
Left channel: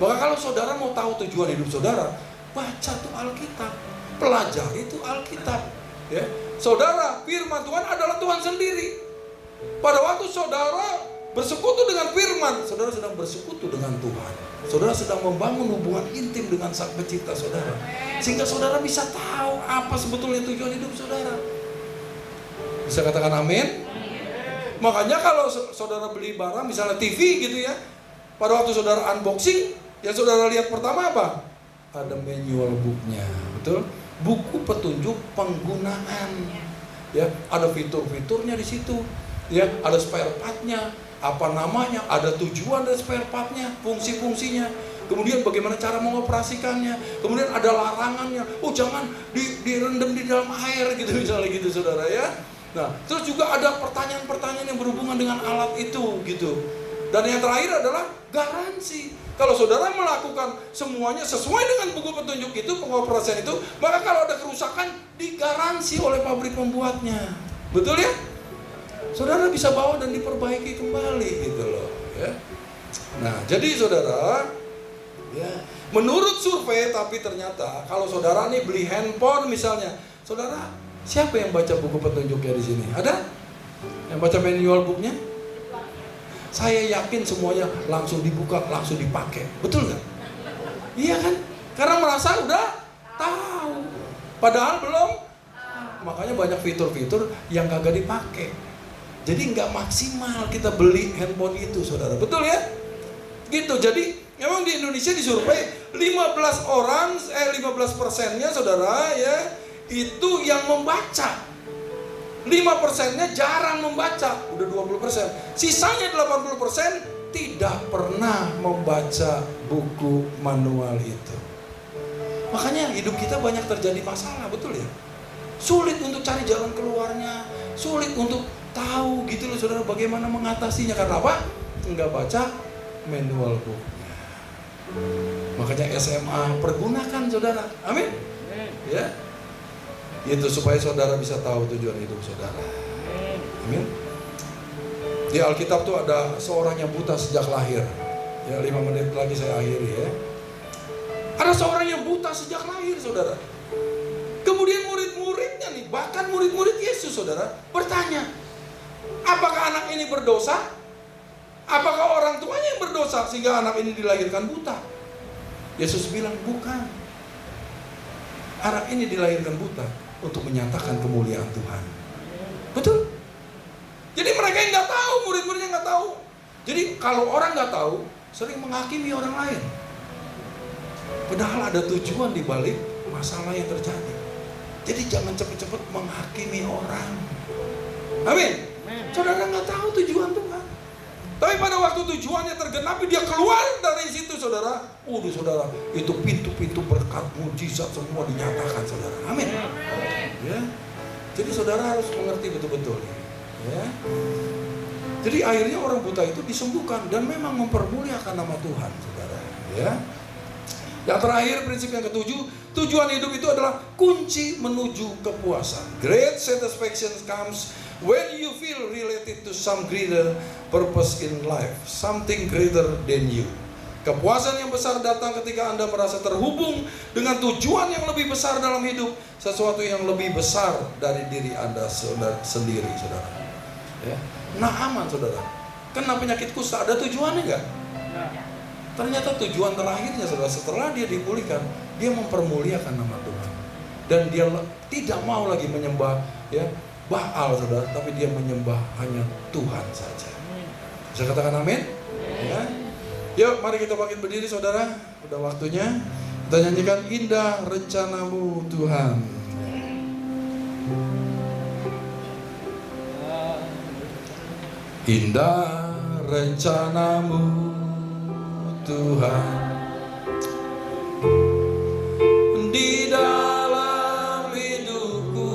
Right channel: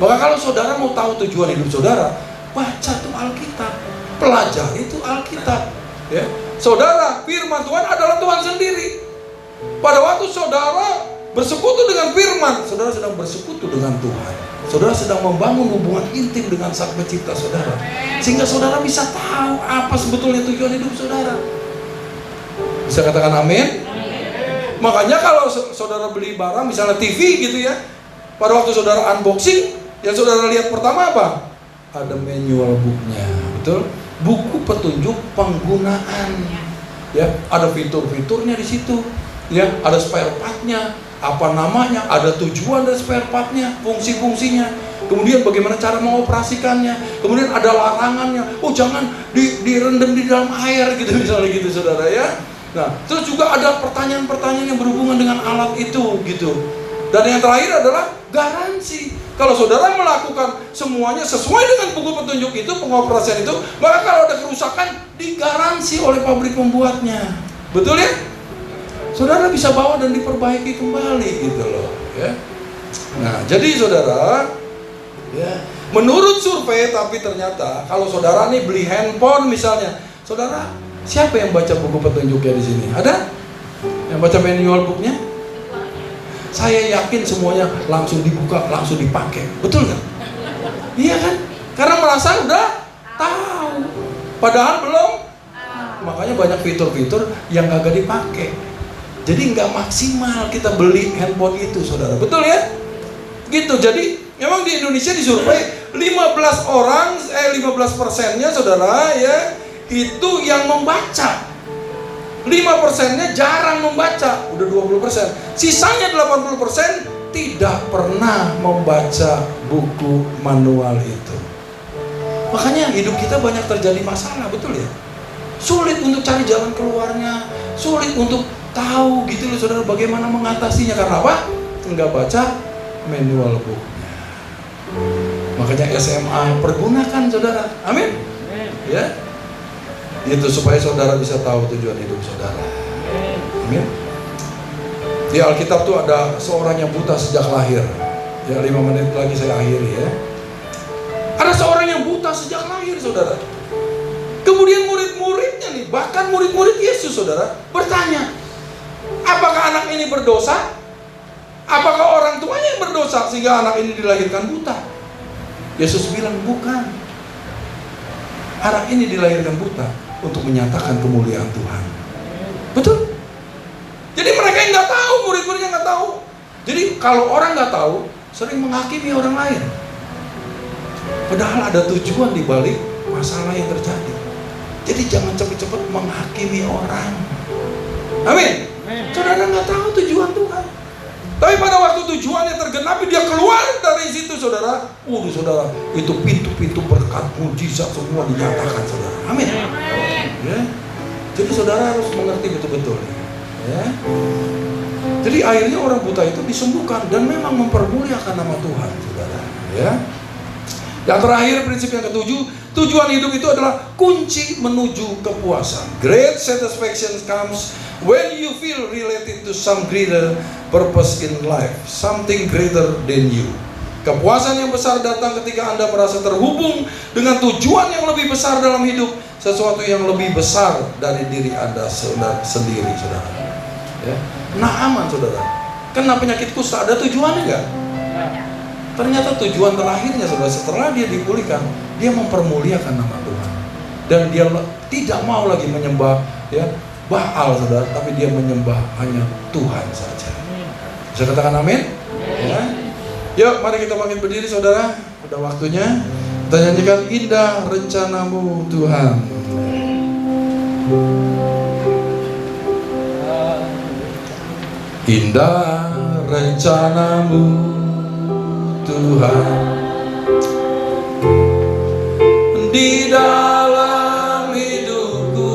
Maka kalau saudara mau tahu tujuan hidup saudara, baca tuh Alkitab, pelajari itu Alkitab. Ya, saudara, firman Tuhan adalah Tuhan sendiri. Pada waktu saudara bersekutu dengan firman, saudara sedang bersekutu dengan Tuhan. Saudara sedang membangun hubungan intim dengan Sang Pencipta saudara, sehingga saudara bisa tahu apa sebetulnya tujuan hidup saudara. Bisa katakan amin? Makanya kalau saudara beli barang, misalnya TV gitu ya, pada waktu saudara unboxing, yang saudara lihat pertama apa? Ada manual booknya, betul? Buku petunjuk penggunaan, ya, ada fitur-fiturnya di situ, ya, ada spare partnya, apa namanya, ada tujuan dari spare partnya, fungsi-fungsinya, kemudian bagaimana cara mengoperasikannya, kemudian ada larangannya, oh jangan direndam di dalam air gitu misalnya gitu saudara ya. Nah, terus juga ada pertanyaan-pertanyaan yang berhubungan dengan alat itu gitu. Dan yang terakhir adalah garansi. Kalau saudara melakukan semuanya sesuai dengan buku petunjuk itu, pengoperasian itu, maka kalau ada kerusakan digaransi oleh pabrik pembuatnya. Betul ya? Saudara bisa bawa dan diperbaiki kembali gitu loh ya. Nah, jadi saudara ya, menurut survei, tapi ternyata kalau saudara nih beli handphone misalnya, saudara, siapa yang baca buku petunjuknya di sini? Ada? Yang baca manual booknya? Saya yakin semuanya langsung dibuka, langsung dipakai. Betul nggak? Iya kan? Karena merasa udah tahu. Padahal belum. Makanya banyak fitur-fitur yang kagak dipakai. Jadi nggak maksimal kita beli handphone itu, saudara. Betul ya? Gitu. Jadi memang di Indonesia disurvei 15%-nya saudara ya, itu yang membaca. 5%-nya jarang membaca, udah 20%. Sisanya 80% tidak pernah membaca buku manual itu. Makanya hidup kita banyak terjadi masalah, betul ya? Sulit untuk cari jalan keluarnya, sulit untuk tahu gitu loh saudara bagaimana mengatasinya. Karena apa? Enggak baca manual booknya. Makanya SMA pergunakan saudara, amin? Ya, itu supaya saudara bisa tahu tujuan hidup saudara. Amin. Di Alkitab tuh ada seorang yang buta sejak lahir. Ya, 5 menit lagi saya akhiri ya. Ada seorang yang buta sejak lahir saudara. Kemudian murid-muridnya nih, bahkan murid-murid Yesus saudara, bertanya, apakah anak ini berdosa? Apakah orang tuanya yang berdosa sehingga anak ini dilahirkan buta? Yesus bilang bukan. Anak ini dilahirkan buta untuk menyatakan kemuliaan Tuhan. Betul? Jadi mereka yang nggak tahu, murid-muridnya nggak tahu. Jadi kalau orang nggak tahu, sering menghakimi orang lain. Padahal ada tujuan di balik masalah yang terjadi. Jadi jangan cepat-cepat menghakimi orang. Amin. Saudara nggak tahu tujuan Tuhan. Tapi pada waktu tujuannya tergenapi, dia keluar dari situ saudara. Saudara, itu pintu-pintu berkat, mujizat semua dinyatakan saudara. Amin. Ya. Jadi saudara harus mengerti betul-betul. Ya. Jadi akhirnya orang buta itu disembuhkan dan memang mempermuliakan nama Tuhan saudara. Ya. Yang terakhir, prinsip yang ketujuh, tujuan hidup itu adalah kunci menuju kepuasan. Great satisfaction comes when you feel related to some greater purpose in life, something greater than you. Kepuasan yang besar datang ketika Anda merasa terhubung dengan tujuan yang lebih besar dalam hidup, sesuatu yang lebih besar dari diri Anda sendiri, saudara. Ya. Naaman, saudara, kena penyakit kusta, ada tujuannya nggak? Ternyata tujuan terakhirnya, saudara, setelah dia dipulihkan, dia mempermuliakan nama Tuhan, dan dia tidak mau lagi menyembah ya Baal, saudara, tapi dia menyembah hanya Tuhan saja. Bisa katakan amin? Ya. Yuk, mari kita bangkit berdiri, saudara. Udah waktunya kita nyanyikan Indah Rencanamu Tuhan. Indah rencanamu Tuhan di dalam hidupku,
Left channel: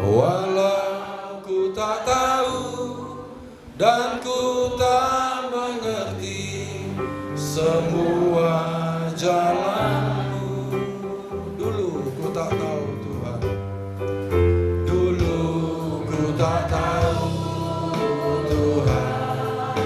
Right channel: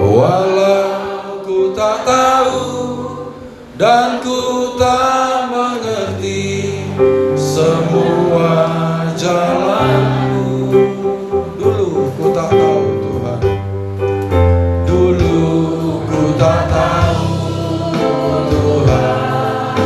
walau ku tak tahu dan ku tak mengerti semua jalanku. Dulu ku tak tahu Tuhan, dulu ku tak tahu Tuhan,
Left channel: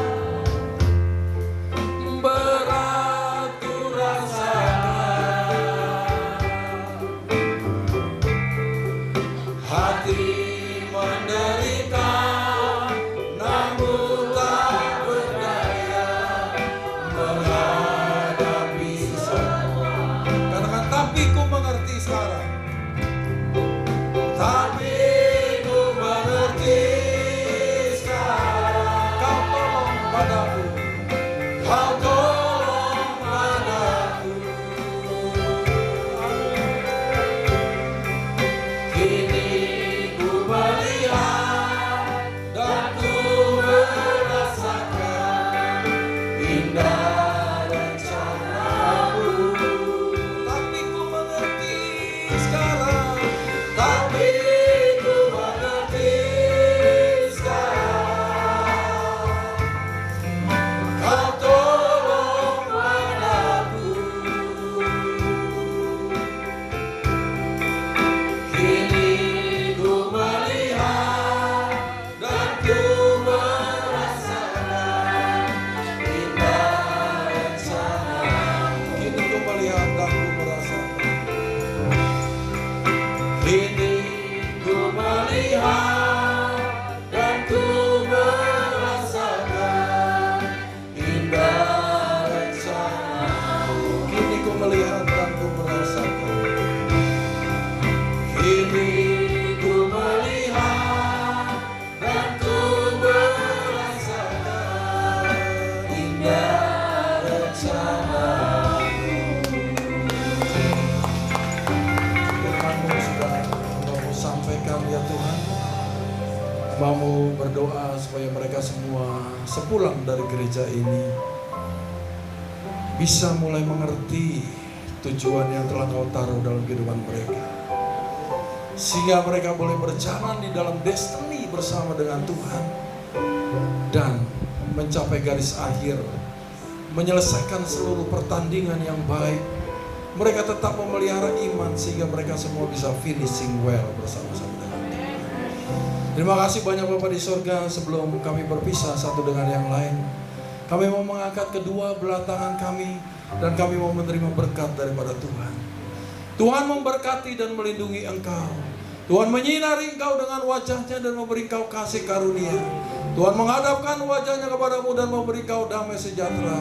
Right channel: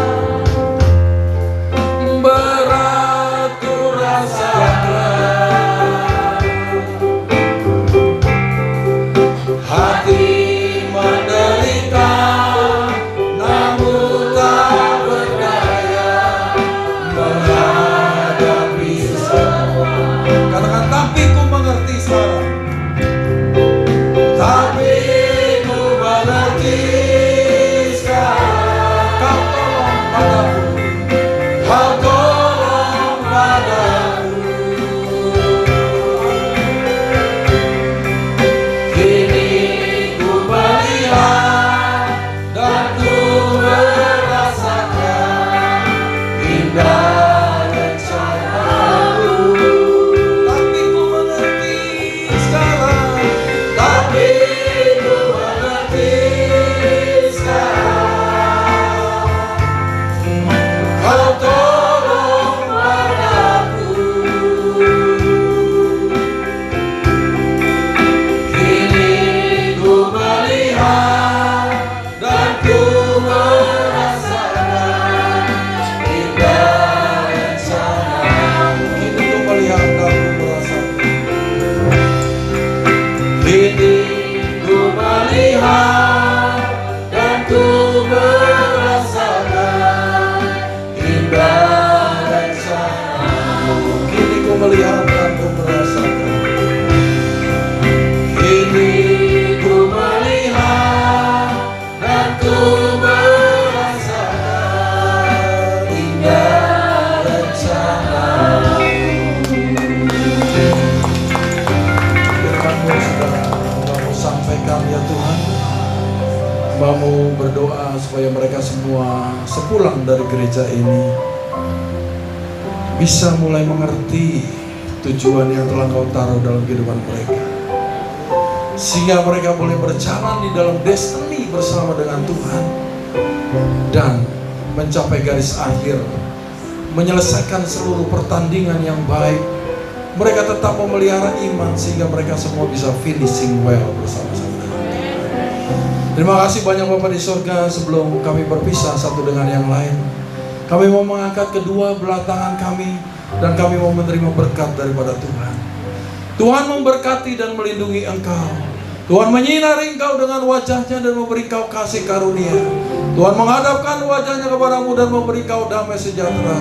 Hambamu berdoa supaya mereka semua sepulang dari gereja ini bisa mulai mengerti tujuan yang telah Kau taruh dalam kehidupan mereka, sehingga mereka boleh berjalan di dalam destiny bersama dengan Tuhan dan mencapai garis akhir, menyelesaikan seluruh pertandingan yang baik. Mereka tetap memelihara iman sehingga mereka semua bisa finishing well bersama-sama dengan Tuhan. Terima kasih banyak Bapak di surga. Sebelum kami berpisah satu dengan yang lain, kami mau mengangkat kedua belah tangan kami dan kami mau menerima berkat daripada Tuhan. Tuhan memberkati dan melindungi engkau. Tuhan menyinari engkau dengan wajahnya dan memberi engkau kasih karunia. Tuhan menghadapkan wajahnya kepadamu dan memberi engkau damai sejahtera.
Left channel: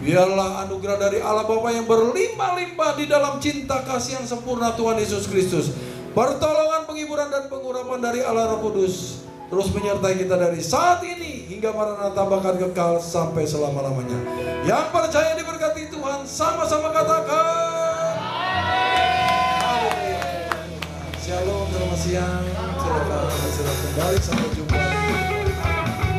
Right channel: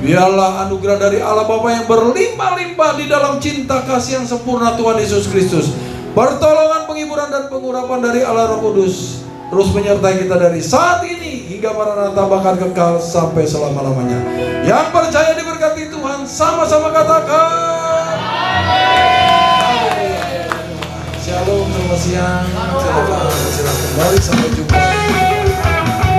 Biarlah anugerah dari Allah Bapa yang berlimpah-limpah di dalam cinta kasih yang sempurna Tuhan Yesus Kristus, pertolongan, penghiburan dan pengurapan dari Allah Roh Kudus terus menyertai kita dari saat ini hingga Maranatha bahkan kekal sampai selama-lamanya. Yang percaya diberkati Tuhan sama-sama katakan Shalom, selamat siang. Selamat kembali, sampai jumpa.